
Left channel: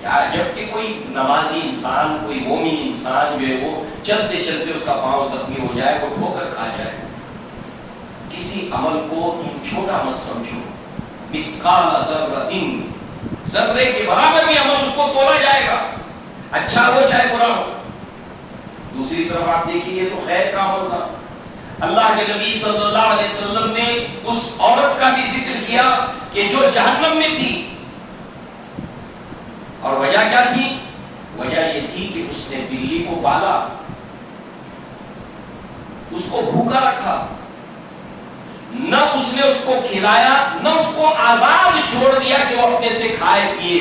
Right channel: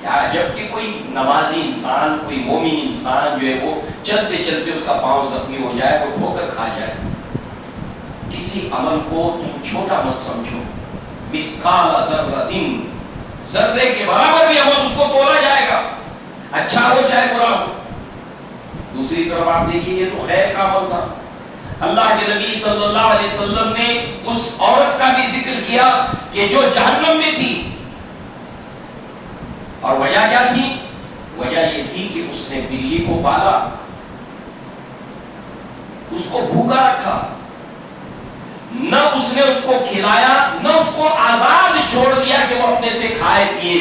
کیا جبکہ کوئی نمازی انسان, کوئی مومن انسان جو ہے وہ چلتے چلتے اس کا پاؤں زخمی ہو جائے, وہ ٹھوکر کھا جائے. کسی عمل کو تم چھوٹا مت سمجھو. مثقال ذرۃ, ذرے کے برابر بھی عمل اس کو تولا جائے گا, اچھا ہو چاہے برا ہو. دوسری طرف آپ دیکھیے, یہ تو خیر کا عمل تھا. اللہ کے نبی صلی اللہ علیہ وسلم نے اس عورت کا بھی ذکر کیا کہ جو جہنم میں تھی, اور وجہ کیا تھی؟ وجہ یہ تھی کہ اس نے بلی کو پالا, اس کو بھوکا رکھا, نہ اس نے اس کو کھلایا, نہ اس کو آزاد چھوڑ دیا کہ وہ اپنے سے کھائے پیے.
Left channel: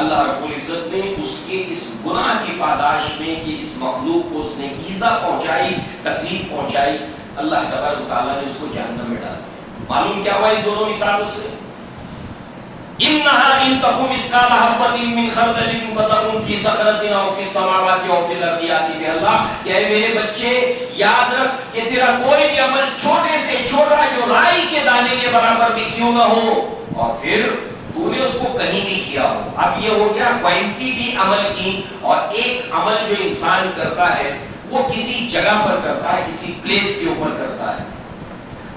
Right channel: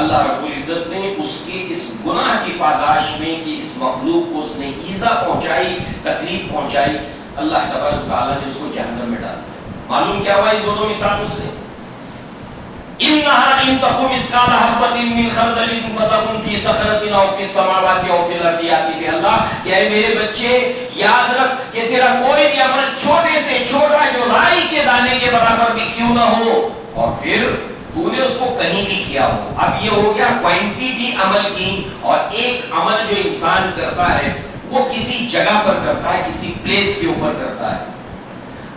اللہ رب العزت نے اس کے اس گناہ کی پاداش میں کہ اس مخلوق کو اس نے ایذا پہنچائی, تکلیف پہنچائی, اللہ تبارک و تعالیٰ نے اس کو جہنم میں ڈالا. معلوم کیا ہوا ان دونوں مثالوں سے؟ انہا ان تکم مثقال حبۃ من خردل فتکن فی صخرۃ او فی السماوات او فی الارض یأتی بہ اللہ. کہ اے میرے بچے یاد رکھ کہ تیرا کوئی بھی عمل چھوٹے سے چھوٹا جو رائی کے دانے کے برابر بھی کیوں نہ ہو, اور پھر تو نے اس کو کہیں بھی کیا ہو. اب یہ ہو گیا کوانٹٹی عمل کی, اور ایک عمل جو انسان کرتا ہے وہ کسی جگہ پر کرتا ہے, کسی پلیس کے اوپر کرتا ہے.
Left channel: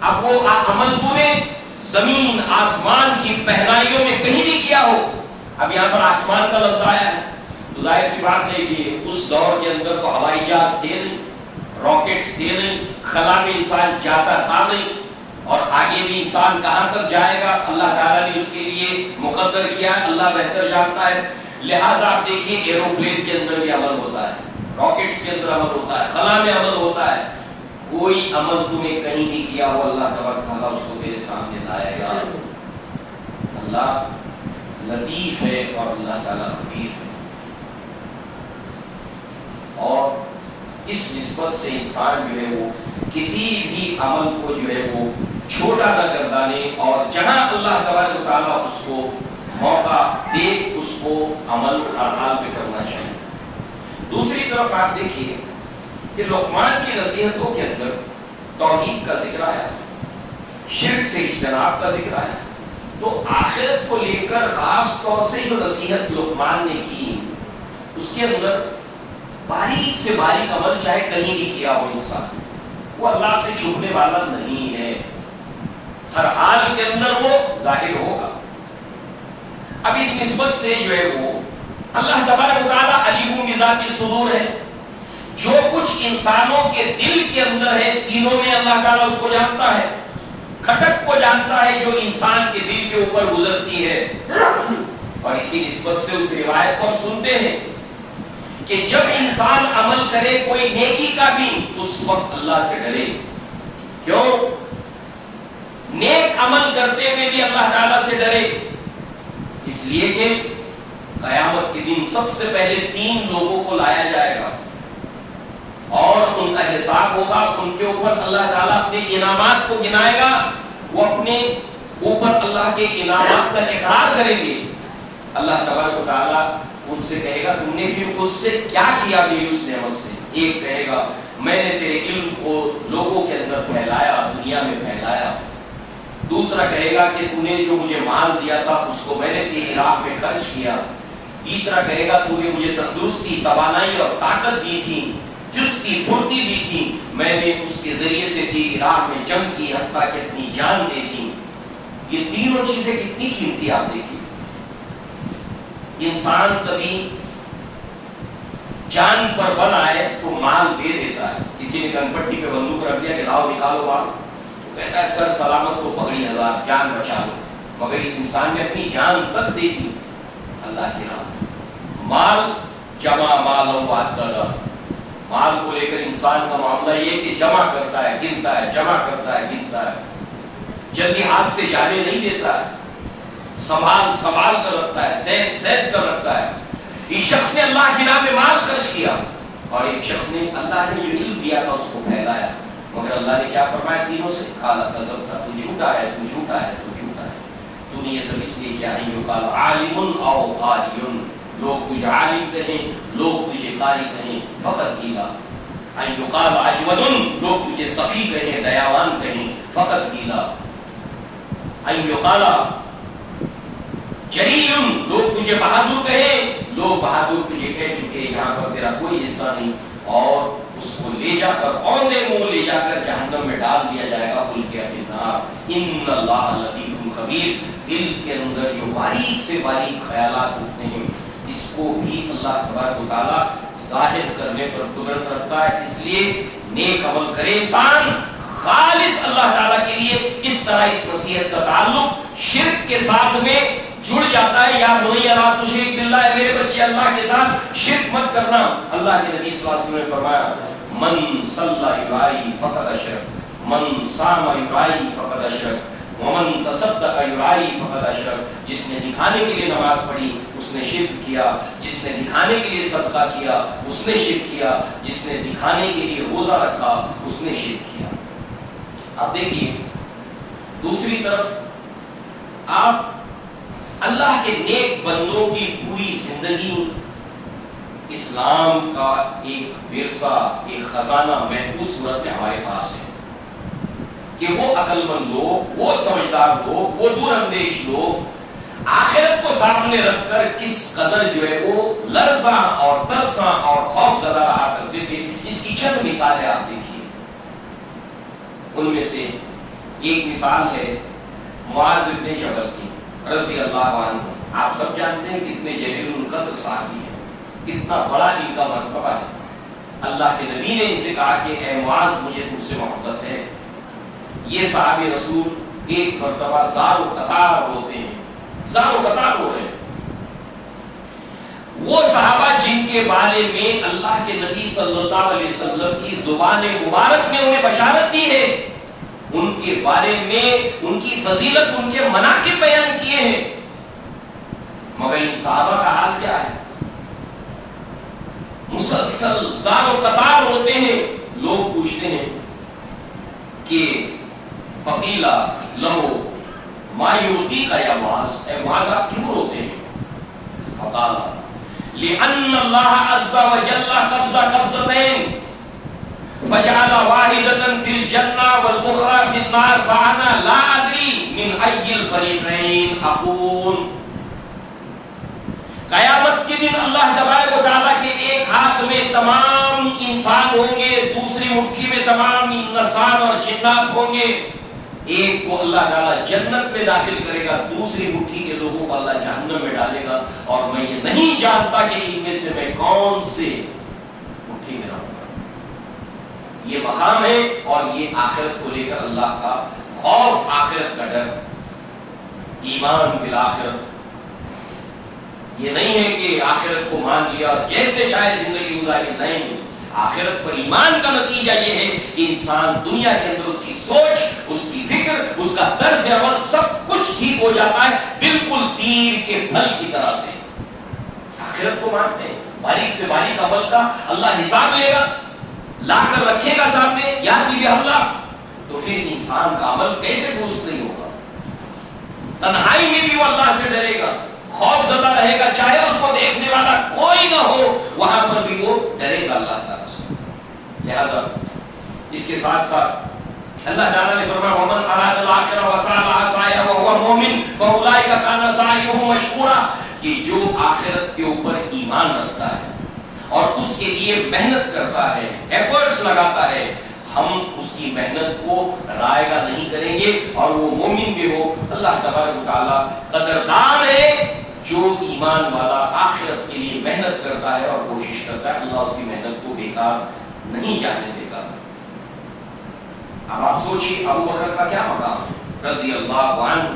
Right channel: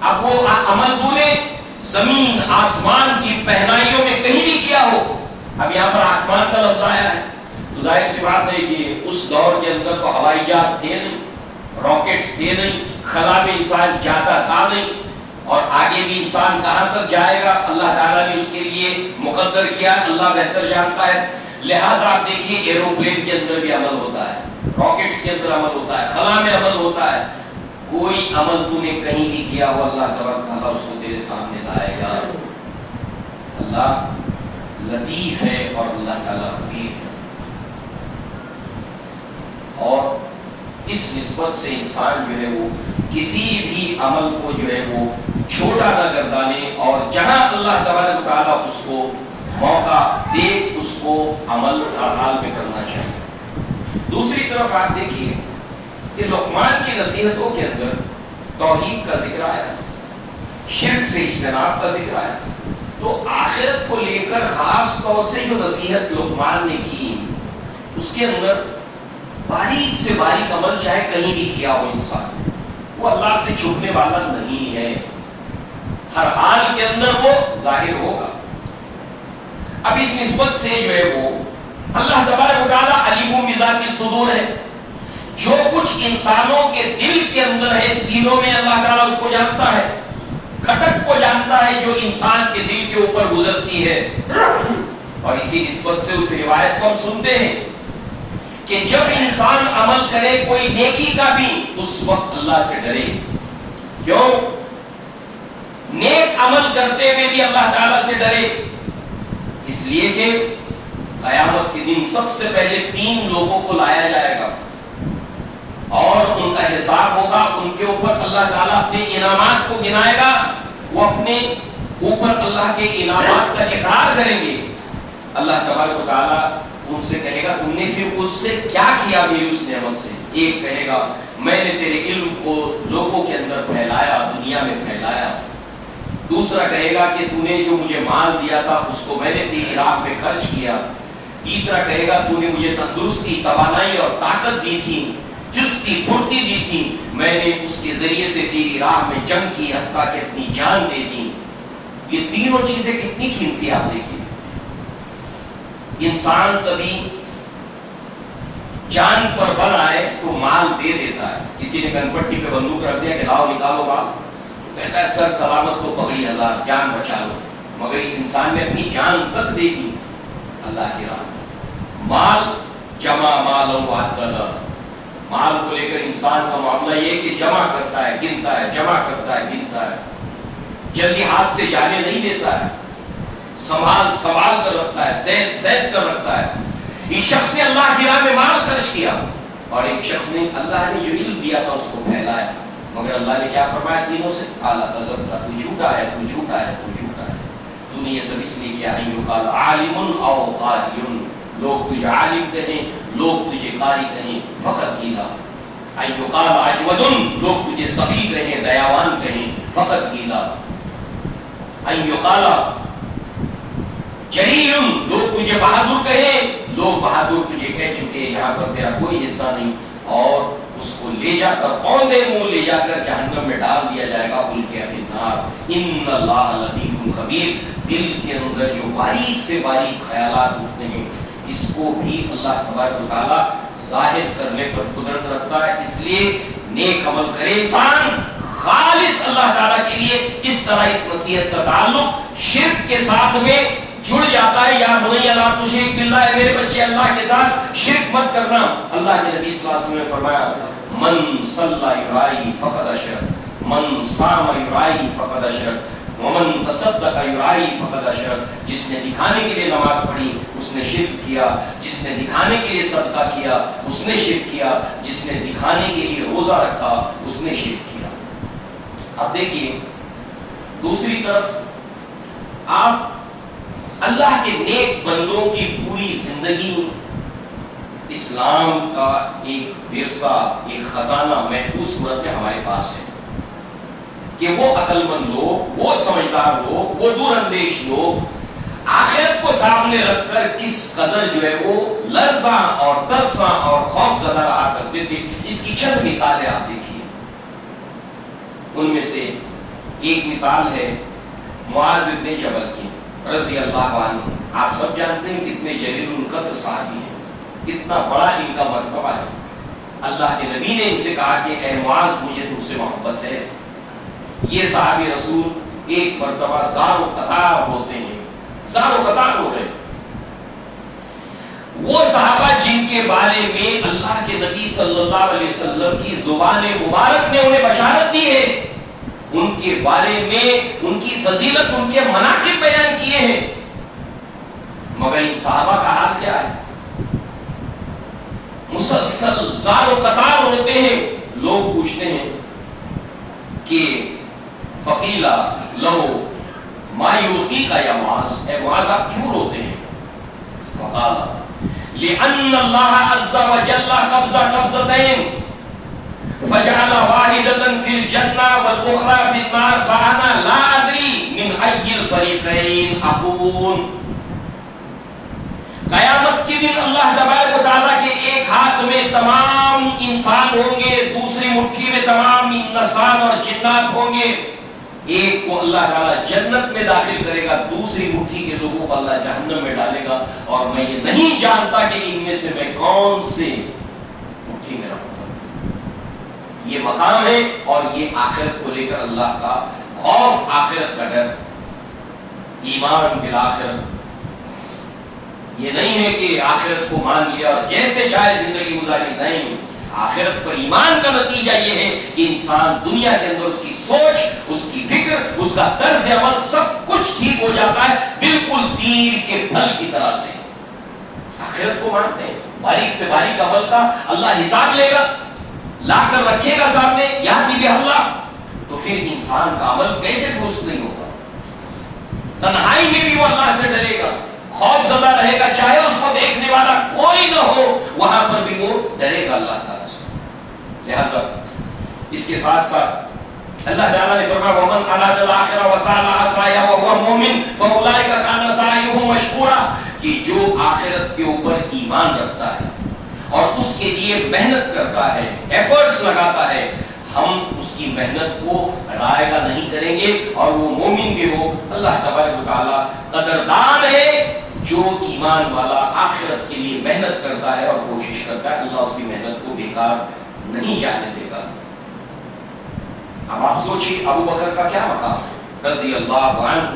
اب وہ عمل تو نے زمین آسمان کی پہنائیوں میں کہیں بھی کیا ہو. اب یہاں پر آسمان کا لفظ آیا ہے تو ظاہر سی بات ہے کہ اس دور کے اندر تو ہوائی جہاز تھے نہیں, راکٹس تھے نہیں, خلا میں انسان جاتا تھا نہیں, اور آگے بھی انسان کہاں تک جائے گا اللہ تعالیٰ نے اس کے لیے مقدر کیا ہے, اللہ بہتر جانتا ہے. لہٰذا آپ دیکھیے ایروپلین کے اندر بھی عمل ہوتا ہے, راکٹس کے اندر عمل ہوتا ہے, خلا میں عمل ہوتا ہے. کوئی عمل تو نے کہیں بھی کیا ہو, اللہ تبارک تعالیٰ اس کو تیرے سامنے لائے گا. اللہ لطیف ہے اور اللہ تعالیٰ خبیر ہے. اور اس نسبت سے انسان جو ہے وہ کسی بھی عمل کو جو ہے وہ چھوٹا نہ گردانے, اور جہاں اللہ تبارک و تعالیٰ اس کو موقع دے اس کو عمل اعمال پہ کرنا چاہیے. دوسری طرف آپ دیکھیے کہ لقمان کی نصیحتوں کے اندر توحید کا ذکر آیا, شرک سے اجتناب کا ذکر آیا. تو آخرت کو لے کر خاص طور سے جو نصیحت لقمان نے کی, اس کے اندر باریک سے باریک عمل چاہے کہیں بھی کیا ہو انسان, وہ اللہ سے چھپنے والا نہیں ہے, ہر حال کے اندر وہ ظاہر ہوگا. اب اس نسبت سے جو ہے وہ اللہ تبارک و تعالیٰ علیم بذات الصدور ہے. جو کچھ انسانوں کے دل کے اندر ہے, سینوں میں, اللہ تعالیٰ اس کو جانتا ہے, کھٹک کو جانتا جانتا ہے جو انسان کے دل کے اوپر گزرتی ہے. اور اسی نسبت سے اس روایت کو ہم سنتے ہیں کہ جب انسان عمل کرے کوئی نیکی کا بھی اس وقت اللہ سے ڈرے. کیوں؟ نیک عمل کرتے ہوئے بھی اللہ تعالیٰ سے ڈرے. اس لیے کہ قیامت کے دن سب سے پہلے 3 لوگوں کو لایا جائے گا اور ان کا حساب ہوگا. ان کے اوپر اللہ تعالیٰ اپنے انعامات کو گنائے گا. وہ اپنے اوپر اللہ کے انعامات کا اقرار کریں گے. اللہ تبارک و تعالیٰ ان سے کہے گا تم نے پھر اس سے کیا کیا میری اس نعمت سے. ایک کہے گا میں نے تیرے علم کو لوگوں کے اندر پھیلایا, دنیا میں پھیلایا. دوسرا کہے گا کہ تو نے جو مجھے مال دیا تھا اس کو میں نے تیری راہ میں خرچ کیا. تیسرا کہے گا تو نے مجھے تندرستی, توانائی اور طاقت دی تھی, چستی پھرتی دی تھی, میں نے اس کے ذریعے سے تیری راہ میں جنگ کی حتیٰ کہ اپنی جان دے دی. یہ تینوں چیزیں کتنی قیمتی آپ دیکھیے. انسان کبھی جان پر بل آئے تو مال دے دیتا ہے. کسی نے گن پٹی پہ بندوق رکھ دیا کہ لاؤ نکالو مال, تو کہتا ہے سر سلامت تو پگڑی 1000, جان بچا لو. مگر اس انسان نے اپنی جان تک دے دی اللہ کی راہ میں. مال جمع مال وعددا, مال کو لے کر انسان کا معاملہ یہ کہ جمع کرتا ہے, گنتا ہے, جمع کرتا ہے, گنتا ہے. جلدی ہاتھ سے جانے نہیں دیتا ہے, سنبھال کر رکھتا ہے, سید کر رکھتا ہے. اس شخص نے اللہ کی راہ میں مال خرچ کیا اور ایک شخص نے اللہ نے جو علم دیا تھا اس کو پھیلایا. مگر اللہ نے کیا فرمایا تینوں سے؟ کالا کذب تھا, تو جھوٹا ہے, تو جھوٹا ہے, تو جھوٹا ہے. تو نے یہ سب اس لیے کیا ہے. قال عالم او قاری, لوگ تجھے عالم کہیں, لوگ تجھے قاری کہیں. فقط گیلا قال اجود, لوگ تجھے سخی کہیں, دیاوان کہیں. فقط گیلا قال جریم, لوگ تجھے بہادر کہیں, لوگ بہادر تجھے کہہ چکے, یہاں پر تیرا کوئی حصہ نہیں. اور اس کو لے جا کر اوندے منہ لے جا کر جہنم میں ڈال دیا جائے گا. القی فی النار ان اللہ لطیف خبیر. دل کے اندر جو باریک سے باریک خیالات اٹھتے ہیں اس کو بھی اللہ تبارک و تعالیٰ ظاہر کرنے پر قدرت رکھتا ہے. اس لیے نیک عمل کرے انسان خالص اللہ تعالیٰ کے لیے. اس طرح اس نصیحت کا تعلق شرک کے ساتھ میں جڑ جاتا ہے. یا بنی لا تشرک باللہ, میرے بچے اللہ کے ساتھ شرک مت کرنا. اللہ کے نبی صلی اللہ علیہ وسلم نے فرمایا من صلی یرائی فقد اشرک, من صام یرائی فقد اشرک, ومن تصدق یرائی فقد اشرک. جس نے دکھانے کے لیے نماز پڑھی اس نے شرک کیا, جس نے دکھانے کے لیے صدقہ کیا اس نے شرک کیا, جس نے دکھانے کے لیے روزہ رکھا اس نے شرک کیا. اب دیکھیے دوسری طرف آپ اللہ کے نیک بندوں کی پوری زندگی اسلام کا ایک ورثہ, ایک خزانہ محفوظ صورت میں ہمارے پاس ہے کہ وہ عقل مند لوگ, وہ سمجھدار لوگ, وہ دور اندیش لوگ آخرت کو سامنے رکھ کر کس قدر جو ہے وہ لرزاں اور ترساں اور خوف زدہ رہا کرتے تھے. اس کی چند مثالیں آپ دیکھیے. ان میں سے ایک مثال ہے معاذ بن جبل کی رضی اللہ عنہ. آپ سب جانتے ہیں کتنے جلیل القدر صحابی ہیں, کتنا بڑا ان کا مرتبہ ہے. اللہ کے نبی نے ان سے کہا کہ اے معاذ مجھے تم سے محبت ہے. یہ صحابی رسول ایک مرتبہ زار و قطار ہوتے ہیں, زار و قطار ہو رہے ہیں. وہ صحابہ جن کے بارے میں اللہ کے نبی صلی اللہ علیہ وسلم کی زبان مبارک نے انہیں بشارت دی ہے, ان کے بارے میں ان کی فضیلت, ان کے مناقب بیان کیے ہیں. مگر ان صحابہ کا حال کیا ہے؟ مسلسل زار و قطار ہوتے ہیں. لوگ پوچھتے ہیں کہ فقیلا لہو ما یرقیک یا معاذ, اے معاذ آپ کیوں روتے ہیں؟ فقالا لأن اللہ عز وجل قبض قبضتین فجعل واحدة في الجنة والأخرى في النار فأنا لا أدري من أي الفريقين أكون. قیامت کے دن اللہ تبارک و تعالیٰ کے ایک ہاتھ میں تمام انسان ہوں گے, دوسری مٹھی میں تمام انسان اور جنات ہوں گے. ایک کو اللہ تعالیٰ جنت میں داخل کرے گا, دوسری مٹھی کے لوگوں کو اللہ جہنم میں ڈالے گا, اور میں یہ نہیں جانتا کہ ان میں سے میں کون سے مٹھی میں رہوں گا. یہ مقام ہے اور یہ آخرت کو لے کر اللہ کا خوف آخرت کا ڈر، ایمان بالآخرت. یہ نہیں ہے کہ آخرت کو مان لیا اور جیسے چاہے زندگی گزاری، نہیں. آخرت پر ایمان کا نتیجہ یہ ہے کہ انسان دنیا کے اندر اس کی سوچ، اس کی فکر، اس کا طرز عمل سب کچھ ٹھیک ہو جاتا ہے، بالکل تیر کے پھل کی طرح سے. آخرت کو مانتے ہیں، باریک سے باریک عمل کا اللہ حساب لے گا، لا کر رکھے گا سامنے، یاتی بھی حملہ. تو پھر انسان کا عمل کیسے درست نہیں ہوگا؟ تنہائی میں بھی وہ اللہ سے ڈرے گا، خوف زدہ رہے گا، چاہے اس کو دیکھنے والا کوئی نہ ہو، وہاں پر بھی وہ ڈرے گا اللہ تعالیٰ سے. لہذا اس کے ساتھ ساتھ اللہ تعالیٰ نے فرمایا وَمَنْ أَرَادَ الْآخِرَةَ وَسَعَى لَهَا سَعْيَهُ وَهُوَ مُؤْمِنٌ فَأُولَٰئِكَ كَانَ سَعْيُهُمْ مَشْكُورًا. کہ جو آخرت کے اوپر ایمان رکھتا ہے اور اس کے لیے محنت کرتا ہے، ایفرٹس لگاتا ہے، ہم اس کی محنت کو رائگاں نہیں کریں گے اور وہ مومن بھی ہو. اللہ تبارک و تعالیٰ قدردان ہے جو ایمان والا آخرت کے لیے محنت کرتا ہے اور کوشش کرتا ہے، اللہ اس کی محنت کو بیکار نہیں جانے دے گا. اب آپ سوچیے ابو بکر کا کیا مقام ہے رضی اللہ عنہ،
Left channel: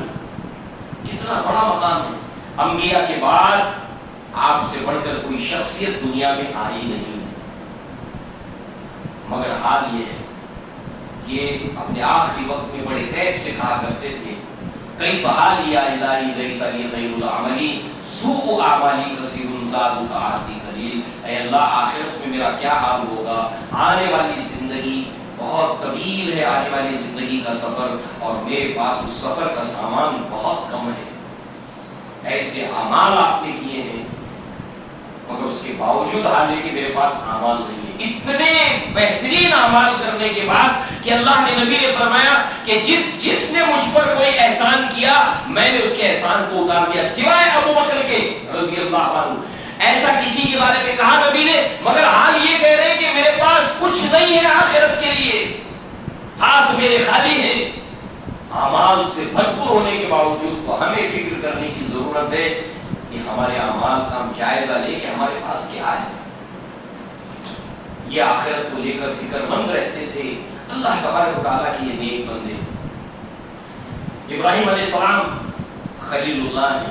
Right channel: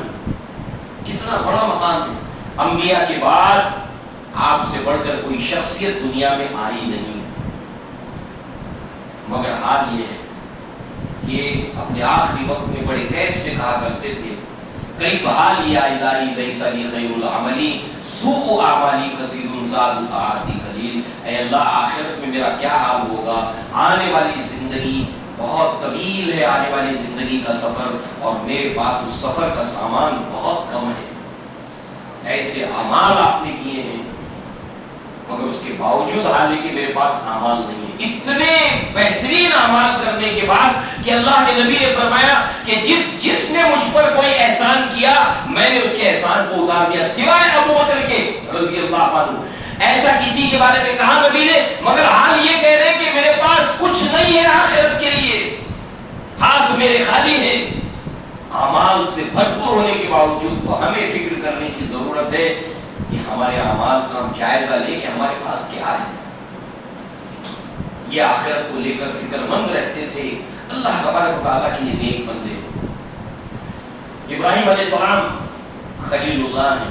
کتنا بڑا مقام ہے. انبیاء کے بعد آپ سے بڑھ کر کوئی شخصیت دنیا میں آئی نہیں، مگر حال یہ ہے کہ اپنے آخری وقت میں بڑے کیف سے کہا کرتے تھے کیف حالی یا الہی لیس لی خیر العملی سوء اعمالی کثیر زاد طاعتی قلیل. اے اللہ آخرت میں میرا کیا حال ہوگا، آنے والی زندگی بہت طویل ہے، آنے والی زندگی کا سفر، اور میرے پاس اس سفر کا سامان بہت کم ہے. ایسے اعمال آپ نے کیے ہیں مگر اس کے باوجود حال ہے کہ میرے پاس اعمال نہیں ہے. اتنے بہترین اعمال کرنے کے بعد کہ اللہ کے نبی نے فرمایا کہ جس نے مجھ پر کوئی احسان کیا میں نے اس کے احسان کو اتار دیا سوائے ابو بکر کے رضی اللہ عنہ. ایسا کسی کے بارے میں کہا نبی نے، مگر حال یہ کہہ رہے ہیں کہ میرے پاس کچھ نہیں ہے آخرت کے لیے، ہاتھ میرے خالی ہیں. اعمال سے بھرپور ہونے کے باوجود تو ہمیں فکر کرنے کی ضرورت ہے کہ ہمارے اعمال کا ہم جائزہ لیں کہ ہمارے پاس کیا ہے. یہ آخرت کو لے کر فکر مند رہتے تھے اللہ تبارک و تعالیٰ کے یہ نیک بندے. ابراہیم علیہ السلام خلیل اللہ ہیں.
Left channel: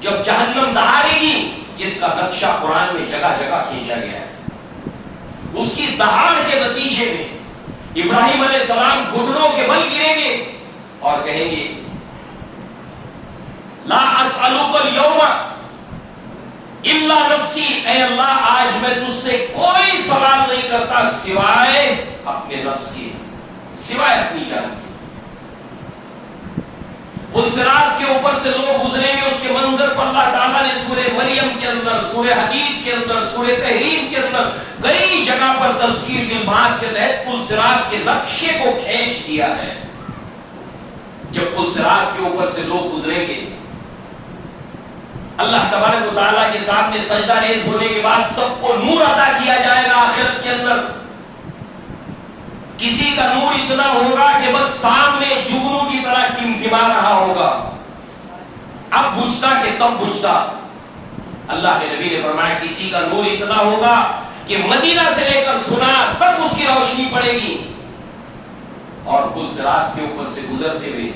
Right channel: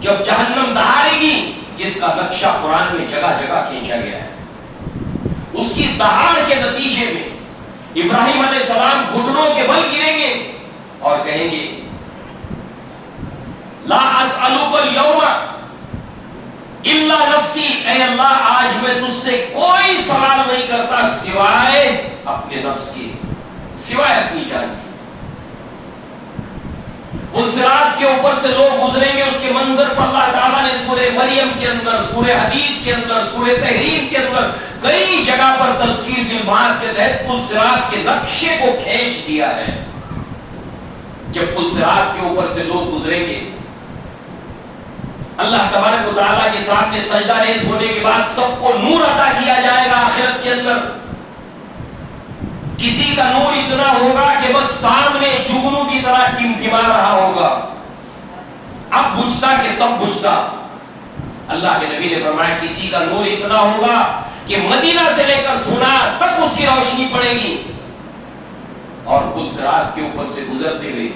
جب جہنم دہاڑے گی جس کا نقشہ قرآن میں جگہ جگہ کھینچا گیا ہے، اس کی دہاڑ کے نتیجے میں ابراہیم علیہ السلام گھٹنوں کے بل گریں گے اور کہیں گے لا اسألک اليوم الا نفسی. اے اللہ آج میں تجھ سے کوئی سوال نہیں کرتا سوائے اپنے نفس کے، سوائے اپنی جان کے. پلسرات کے اوپر سے لوگ گزریں گے، اس کے منظر پر اللہ تعالیٰ نے سورہ مریم کے اندر، سورہ حدید کے اندر، سورہ تحریم کے اندر کئی جگہ پر تذکیر بالمعاد کے تحت پلسرات کے نقشے کو کھینچ دیا ہے. جب پلسرات کے اوپر سے لوگ گزریں گے اللہ تبارک و تعالیٰ کے سامنے سجدہ ریز ہونے کے بعد سب کو نور عطا کیا جائے گا. آخرت کے اندر کسی کا نور اتنا ہوگا کہ بس سامنے جگنو کی طرح ٹمٹما رہا ہوگا، اب بجھتا کہ تب بجھتا. اللہ کے نبی نے فرمایا کسی کا نور اتنا ہوگا کہ مدینہ سے لے کر سنار تک اس کی روشنی پڑے گی. اور پلسرات کے اوپر سے گزرتے ہوئے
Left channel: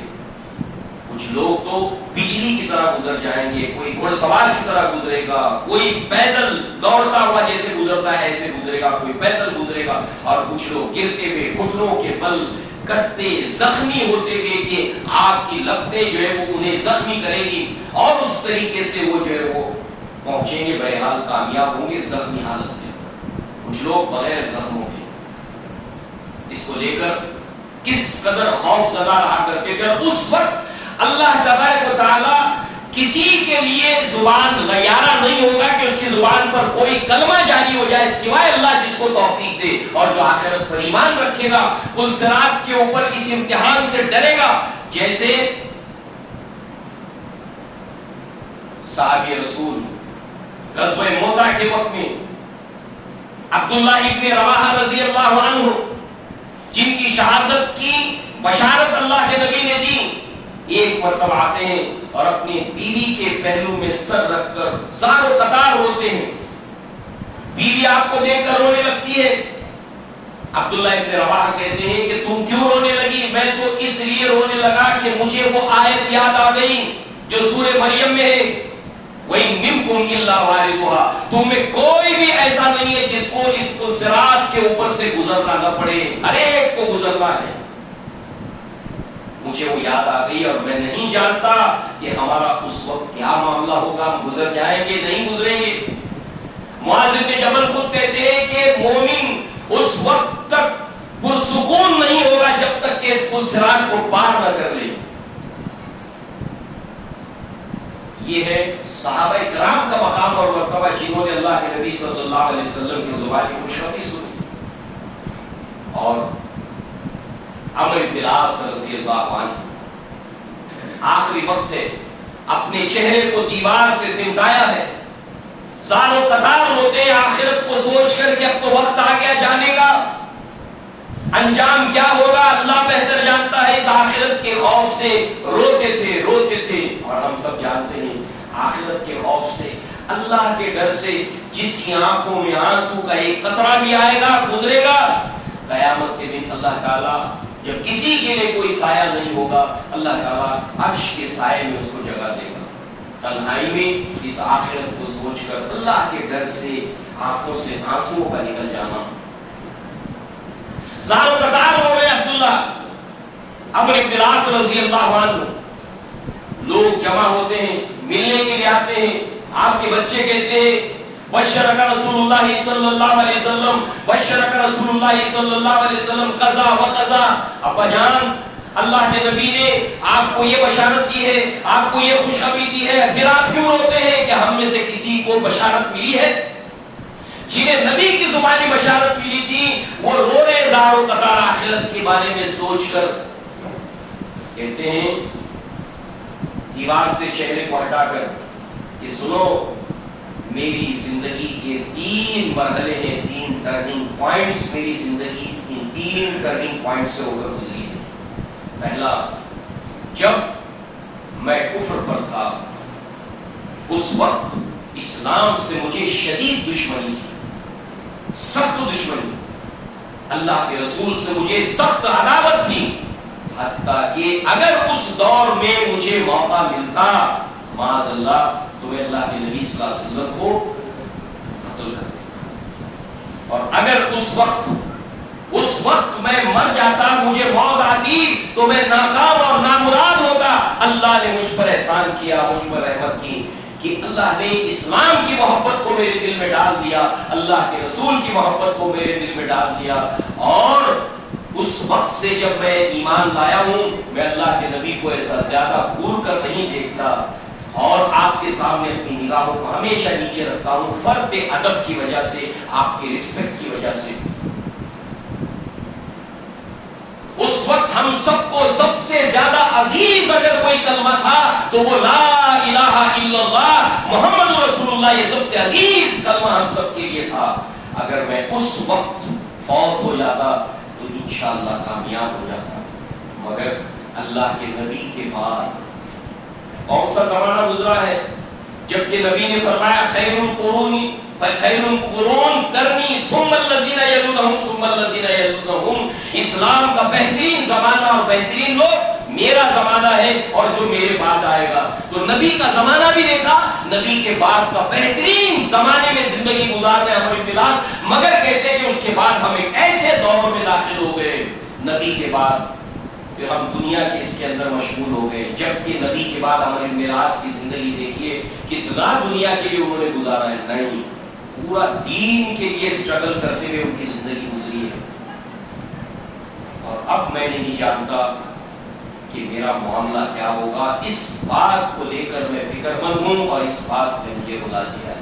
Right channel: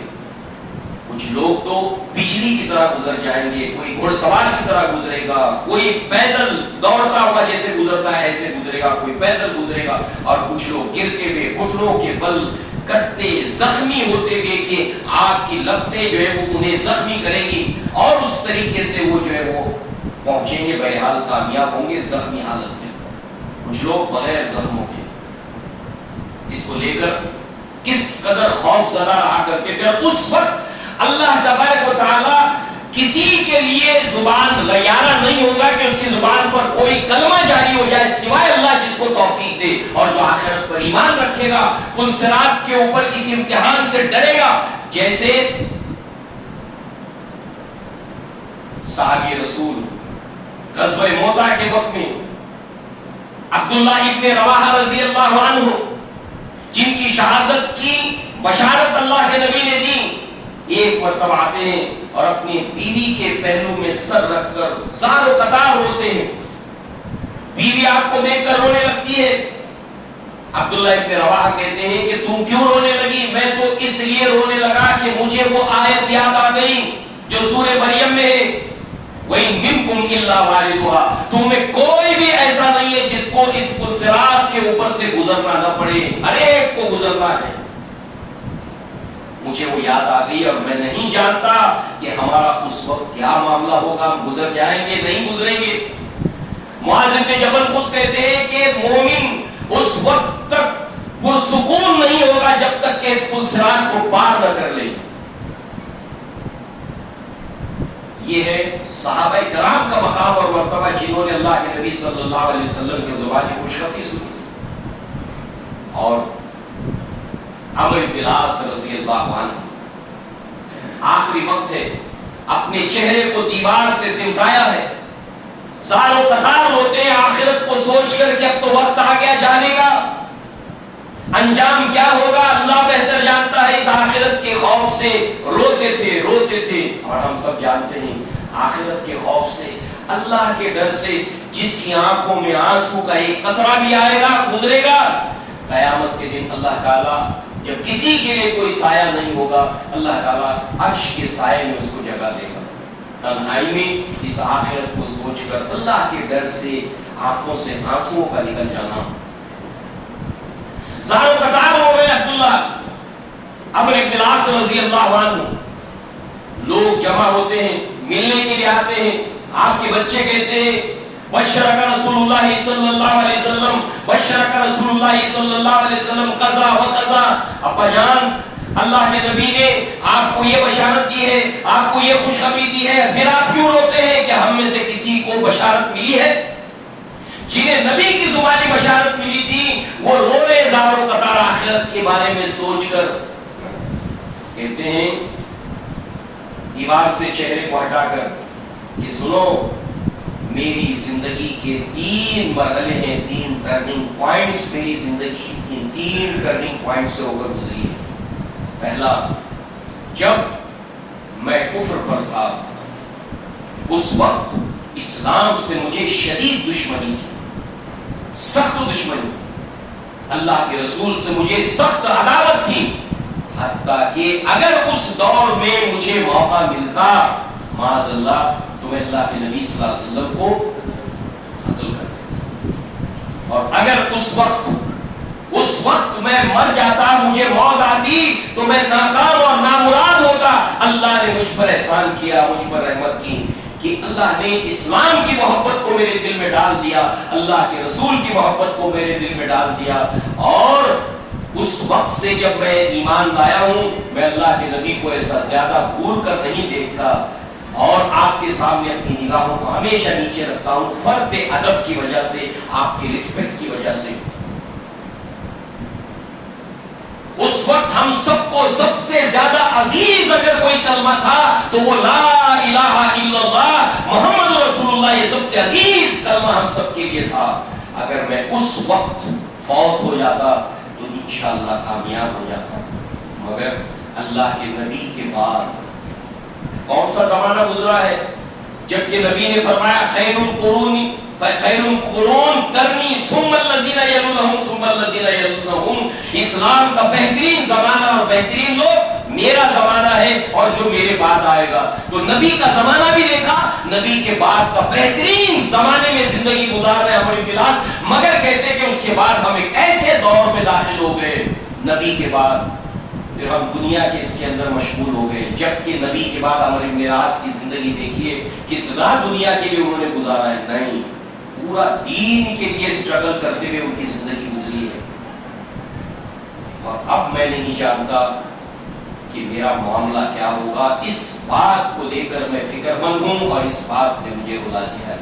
کچھ لوگ تو بجلی کی طرح گزر جائیں گے، کوئی گھوڑ سوار کی طرح گزرے گا، کوئی پیدل دوڑتا ہوا جیسے گزرتا ہے ایسے گزرے گا، کوئی پیدل گزرے گا، اور کچھ لوگ گرتے ہوئے گھٹنوں کے بل کٹتے زخمی ہوتے ہوئے کہ آگ کی لپٹیں جو ہے وہ انہیں زخمی کریں گی، اور اس طریقے سے وہ جو ہے وہ پہنچیں گے، بہرحال کامیاب ہوں گے زخمی حالت میں. کچھ لوگ بغیر زخموں کے. اس کو لے کر کس قدر خوف زدہ رہا کرتے تھے. اور اس وقت اللہ تبارک و تعالیٰ کسی کے لیے زبان غیارہ نہیں ہوگا کہ اس کی زبان پر کوئی کلمہ جاری ہو جائے سوائے اللہ جس کو توفیق دے. اور جو آخرت پر ایمان رکھے گا پلسرات کے اوپر اس امتحان سے ڈرے گا جیسے صحابی رسول غزوہ موتا کے وقت میں عبداللہ ابن رواحہ رضی اللہ عنہ جن کی شہادت کی بشارت اللہ کے نبی نے دی، ایک مرتبہ آتے ہیں اور اپنی بیوی کے پہلو میں سر رکھ کر زار و قطار روتے ہیں. بیوی آپ کو دیکھ کر رونے لگتی ہے. عبداللہ ابن رواحہ کہتے ہیں کہ تم کیوں رونے لگی؟ میں تو اس لیے رونے لگا کہ مجھے وہ آیت یاد آ گئی جو سورہ مریم میں ہے، وَإِن مِّنكُمْ إِلَّا وَارِدُهَا، تم میں کوئی بھی ایسا نہیں ہے جس کو اس صراط کے اوپر سے گزرنا نہ پڑے، ہر ایک کو گزرنا ہے۔ مجھے وہ یاد آ گئی اور میں نہیں جانتا کہ ہمارا اس وقت کیا معاملہ ہوگا، ہم گزر جائیں گے نہیں گزریں گے۔ معاذ بن جبل خود کہتے ہیں کہ مومن اس وقت تک پرسکون نہیں ہوگا جب تک کہ اس پل صراط کو پار نہ کر لے۔ یہ ہے صحابہ کرام کا مقام اور مرتبہ جنہوں نے اللہ کے نبی صلی اللہ علیہ وسلم کی زبان خوشخبری سنی۔ اور عمرو بن العاص رضی اللہ عنہ آخری وقت ہے، اپنے چہرے کو دیوار سے سمٹایا ہے، سالوں قطار روتے ہیں آخرت کو سوچ کر کہ اب تو وقت آ گیا جانے کا، انجام کیا ہوگا اللہ بہتر جانتا ہے۔ اس آخرت کے خوف سے روتے تھے اور ہم سب جانتے ہیں آخرت کے خوف سے، اللہ کے ڈر سے جس کی آنکھوں میں آنسو کا ایک قطرہ بھی آئے گا گزرے گا، قیامت کے دن اللہ تعالیٰ جب کسی کے لیے کوئی سایہ نہیں ہوگا، اللہ تعالیٰ عرش کے سائے میں اس کو جگہ دے گا۔ تنہائی میں اس آخرت کو سوچ کر اللہ کے ڈر سے آنکھوں سے آنسو کا نکل جانا۔ زارو قطار ہو گئے عبداللہ عمرو بن العاص رضی اللہ عنہ، لوگ جمع ہوتے ہیں، ملنے کے لیے آتے ہیں، آپ کے بچے کہتے ہیں بشرک رسول اللہ صلی اللہ علیہ وسلم، بشرک رسول اللہ صلی اللہ علیہ وسلم قضا و قضا، ابا جان اللہ کے نبی نے آپ کو یہ بشارت دی ہے، آپ کو یہ خوشخبری دی ہے، پھر آپ کیوں روتے ہیں کہ ہم میں سے کسی کو بشارت ملی ہے؟ جنہیں نبی کی زبانی بشارت ملی تھی وہ رو رہے زار و قطار آخرت کے بارے میں سوچ کر، کہتے ہیں دیوار سے چہرے کو ہٹا کر کہ سنو میری زندگی کے 3 مرحلے ہیں، 3 ٹرننگ پوائنٹس میری زندگی ان 3 ٹرننگ پوائنٹس سے ہو کر گزری ہے۔ پہلا، جب میں کفر پر تھا اس وقت اسلام سے مجھے شدید دشمنی تھی، سخت دشمنی، اللہ کے رسول سے مجھے سخت عداوت تھی، حتیٰ کہ اگر اس دور میں مجھے موقع ملتا معاذ اللہ تو میں اللہ کے نبی صلی اللہ علیہ وسلم کو قتل کرتا، اور اگر اس وقت میں مر جاتا، مجھے موت آتی تو میں ناکام اور نامراد ہوتا۔ اللہ نے مجھ پر احسان کیا، مجھ پر رحمت کی کہ اللہ نے اسلام کی محبت کو میرے دل میں ڈال دیا، اللہ کے رسول کی محبت کو میرے دل میں ڈال دیا، اور اس وقت سے جب میں ایمان لایا ہوں میں اللہ کے نبی کو ایسا زیادہ گھور کر نہیں دیکھتا، اور آپ کے سامنے اپنی نگاہوں کو ہمیشہ نیچے رکھتا ہوں، فرد ادب کی وجہ سے، آپ کی رسپیکٹ کی وجہ سے۔ اس وقت ہم سب کو سب سے زیادہ عزیز اگر کوئی کلمہ تھا تو وہ لا الہ الا اللہ محمد رسول اللہ، یہ سب سے عزیز کلمہ ہم سب کے لیے تھا۔ اگر میں اس وقت فوت ہو جاتا تو انشاءاللہ کامیاب ہو جاتا، مگر اللہ کے نبی کے بعد کون سا زمانہ گزرا ہے جبکہ نبی نے فرمایا خیر القرون کرنی ثم الذین یلونہم ثم الذین یلونہم، اسلام کا بہترین زمانہ اور بہترین لوگ میرا زمانہ ہے اور جو میرے بعد آئے گا۔ تو نبی کا زمانہ بھی دیکھا، نبی کے بعد کا بہترین زمانے میں زندگی گزار رہے عمرو بن العاص، مگر کہتے کہ اس کے بعد ہم ایک ایسے دور میں داخل ہو گئے نبی کے بعد پھر ہم دنیا کے اس کے اندر مشغول ہو گئے، جبکہ نبی کے بعد عمرو بن العاص کی زندگی دیکھیے کتنا دنیا کے لیے انہوں نے گزارا ہے، نہیں پورا دین کے لیے سٹرگل کرتے ہوئے ان کی زندگی گزری ہے۔ اور اب میں نہیں جانتا کہ میرا معاملہ کیا ہوگا، اس بات کو لے کر میں فکر مند ہوں اور اس بات نے مجھے بلا دیا ہے۔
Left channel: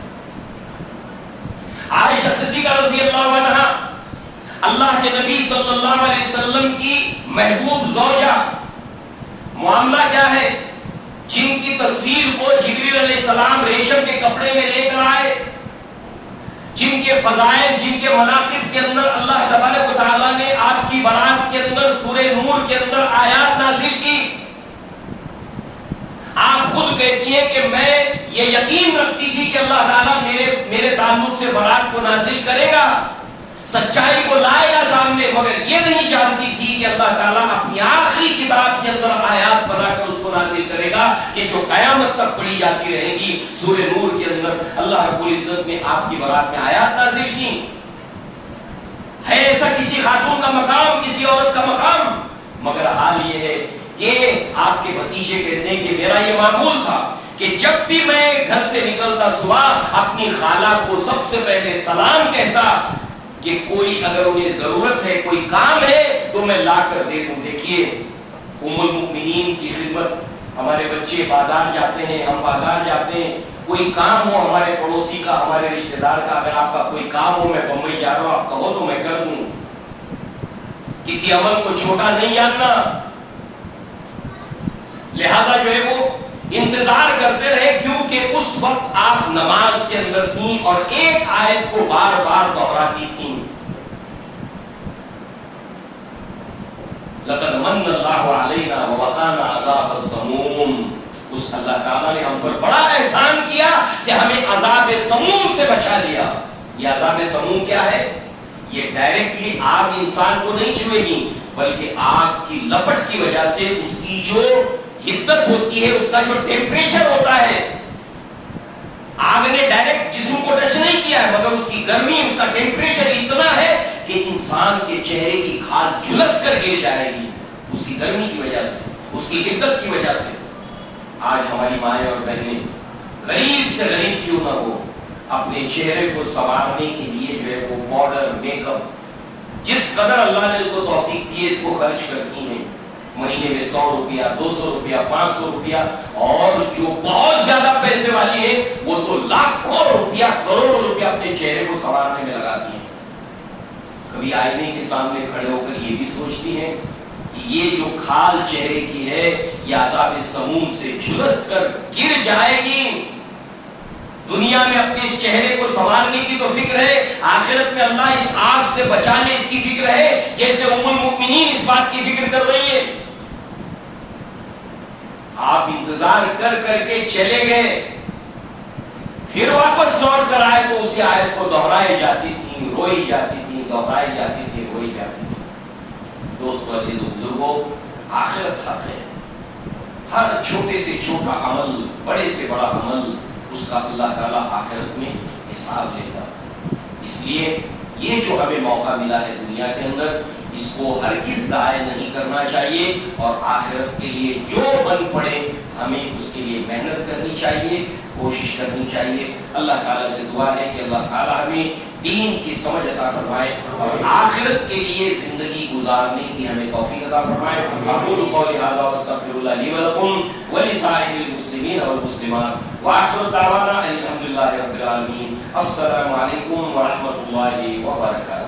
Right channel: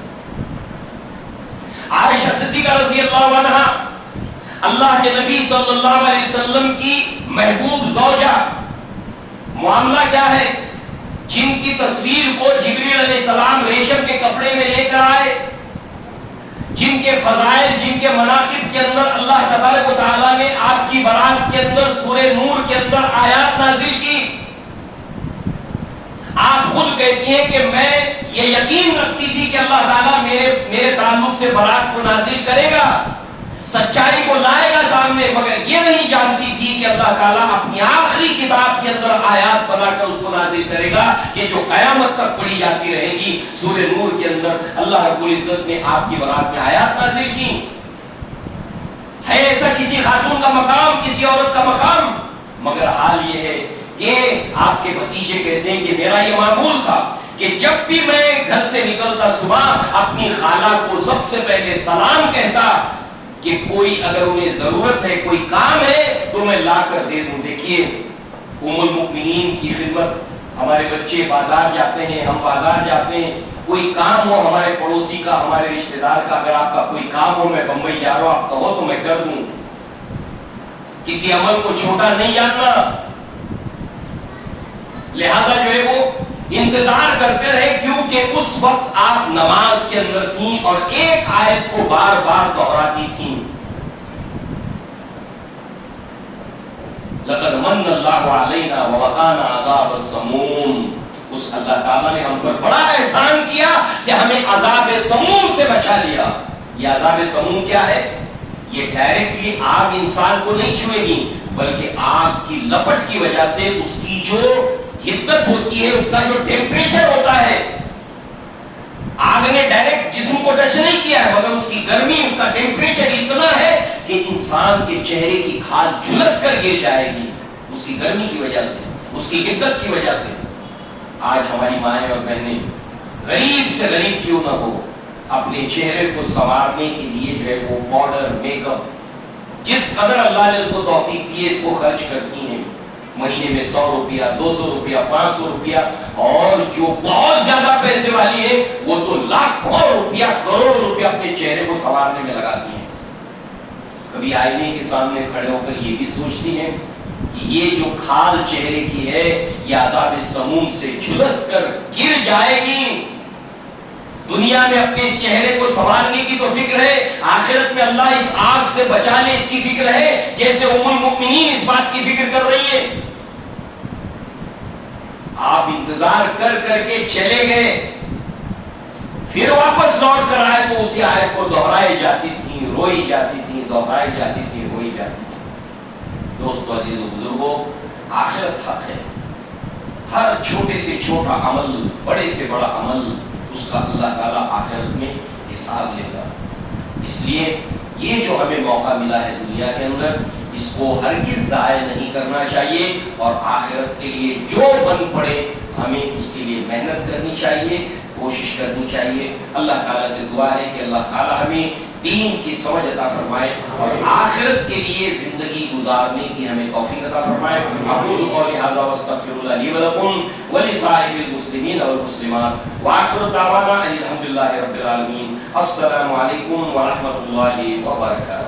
عائشہ صدیقہ رضی اللہ عنہا اللہ کے نبی صلی اللہ علیہ وسلم کی محبوب زوجہ، معاملہ کیا ہے، جن کی تصویر کو جبریل علیہ السلام ریشم کے کپڑے میں لے کر آئے، جن کے فضائل، جن کے مناقب کے اندر اللہ تبارک و تعالیٰ نے آپ کی برات کے اندر سورہ نور کے اندر آیات نازل کی۔ آپ خود کہتی ہیں کہ میں یہ یقین رکھتی تھی کہ اللہ تعالیٰ میرے تعلق سے برات کو نازل کرے گا، سچائی کو لائے گا سامنے، مگر یہ نہیں جانتی تھی کہ اللہ تعالیٰ اپنی آخری کتاب کے اندر آیات بنا کر اس کو نازل کرے گا کہ جو قیامت تک پڑھی جاتی رہے گی. سورہ نور کے اندر اللہ رب العزت نے آپ کی برات میں آیات نازل کی. ہے ایسا کسی خاتون کا مقام, کسی عورت کا مقام؟ مگر حال یہ ہے کہ آپ کے بھتیجے کہتے ہیں کہ میرا یہ معمول تھا کہ جب بھی میں گھر سے نکلتا صبح اپنی خالہ کو سب سے پہلے سلام کہتا کہ کوئی اگر انہیں ضرورت ہے, کوئی کام ہے تو میں لا کر دے دوں. دیکھیے ام المؤمنین کی خدمت. ہمارے بچے بازار جاتے ہیں, ہم بازار جاتے ہیں, کوئی کام ہو ہمارے پڑوسی کا, ہمارے رشتہ دار کا, اگر آپ کا کوئی کام ہو, میں بمبئی جا رہا ہوں, آپ کہو تو میں کر دوں. کسی عمل کو چھوٹا نہیں جاننا. لہذا جو ہے وہ انتظار کرتے رہے, کیونکہ اس وقت آپ نماز کے اندر تھیں اور ایک آیت کو بار بار دہراتی تھیں. لقد من اللہ علینا ووقانا عذاب السموم. اس اللہ تعالیٰ نے ہم پر بڑا احسان کیا کہ ہمیں عذاب سموم سے بچا لیا. یہ عذاب سموم کیا ہے؟ یہ ڈائریکٹلی آگ انسان کو نہیں چھوئے گی, بلکہ آگ کی لپٹ کی وجہ سے اس کی جو حدت ہوتی ہے, اس کا جو ٹیمپریچر ہوتا ہے, آگ نے ڈائریکٹ جسم کو ٹچ نہیں کیا ہے, مگر اس کی گرمی, اس کا ٹیمپریچر اتنا ہے کہ انسان کے چہرے کی کھال جھلس کر گر جائے گی اس کی گرمی کی وجہ سے, اس کی حدت کی وجہ سے. آج ہماری مائیں اور بہنیں غریب سے غریب کیوں نہ ہو, اپنے چہرے کو سنوارنے کے لیے جو ہے وہ پاؤڈر, میک اپ, جس قدر اللہ نے اس کو توفیق دی ہے اس کو خرچ کرتی ہیں. مہینے میں 100 روپیہ, 200 روپیہ, 500 روپیہ, اور جو بہت زیادہ پیسے والی ہے وہ تو لاکھوں روپیہ, کروڑوں روپیہ اپنے چہرے کو سنوارنے میں لگاتی ہیں. کبھی آئینے کے سامنے کھڑے ہو کر یہ بھی سوچتی ہیں کہ یہ جو کھال چہرے کی ہے یہ عذاب سموم سے جھلس کر گر جائے گی. دنیا میں اپنے اس چہرے کو سنوارنے کی تو فکر ہے, آخرت میں اللہ اس آگ سے بچا لے اس کی فکر ہے, جیسے ام المؤمنین اس بات کی فکر کر رہی ہے. آپ انتظار کر کر کے چلے گئے, پھر واپس لوٹ کر آئے تو اسی آیت کو دہرائی جاتی تھی, روئی جاتی تھی, دہرائی جاتی تھی, روئی جاتی تھی. دوستو, عزیز و بزرگوں, آخرت حق ہے. ہر چھوٹے سے چھوٹا عمل, بڑے سے بڑا عمل, اس کا اللہ تعالیٰ آخرت میں حساب لے گا. اس لیے یہ جو ہمیں موقع ملا ہے دنیا کے اندر, اس کو ہرگز ضائع نہیں کرنا چاہیے, اور آخرت کے لیے جو بن پڑے ہمیں اس کے لیے محنت کرنی چاہیے, کوشش کرنی چاہیے. اللہ تعالیٰ سے دعا ہے کہ اللہ تعالیٰ ہمیں دین کی سمجھ عطا فرمائے اور آخرت کے لیے زندگی گزارنے کی ہمیں توفیق عطا فرمائے. اقول قولی ھذا واستغفر اللہ لی ولکم ولسائر المسلمین والمسلمات وآخر دعوانا الحمد للہ رب العالمین. السلام علیکم ورحمۃ اللہ وبرکاتہ.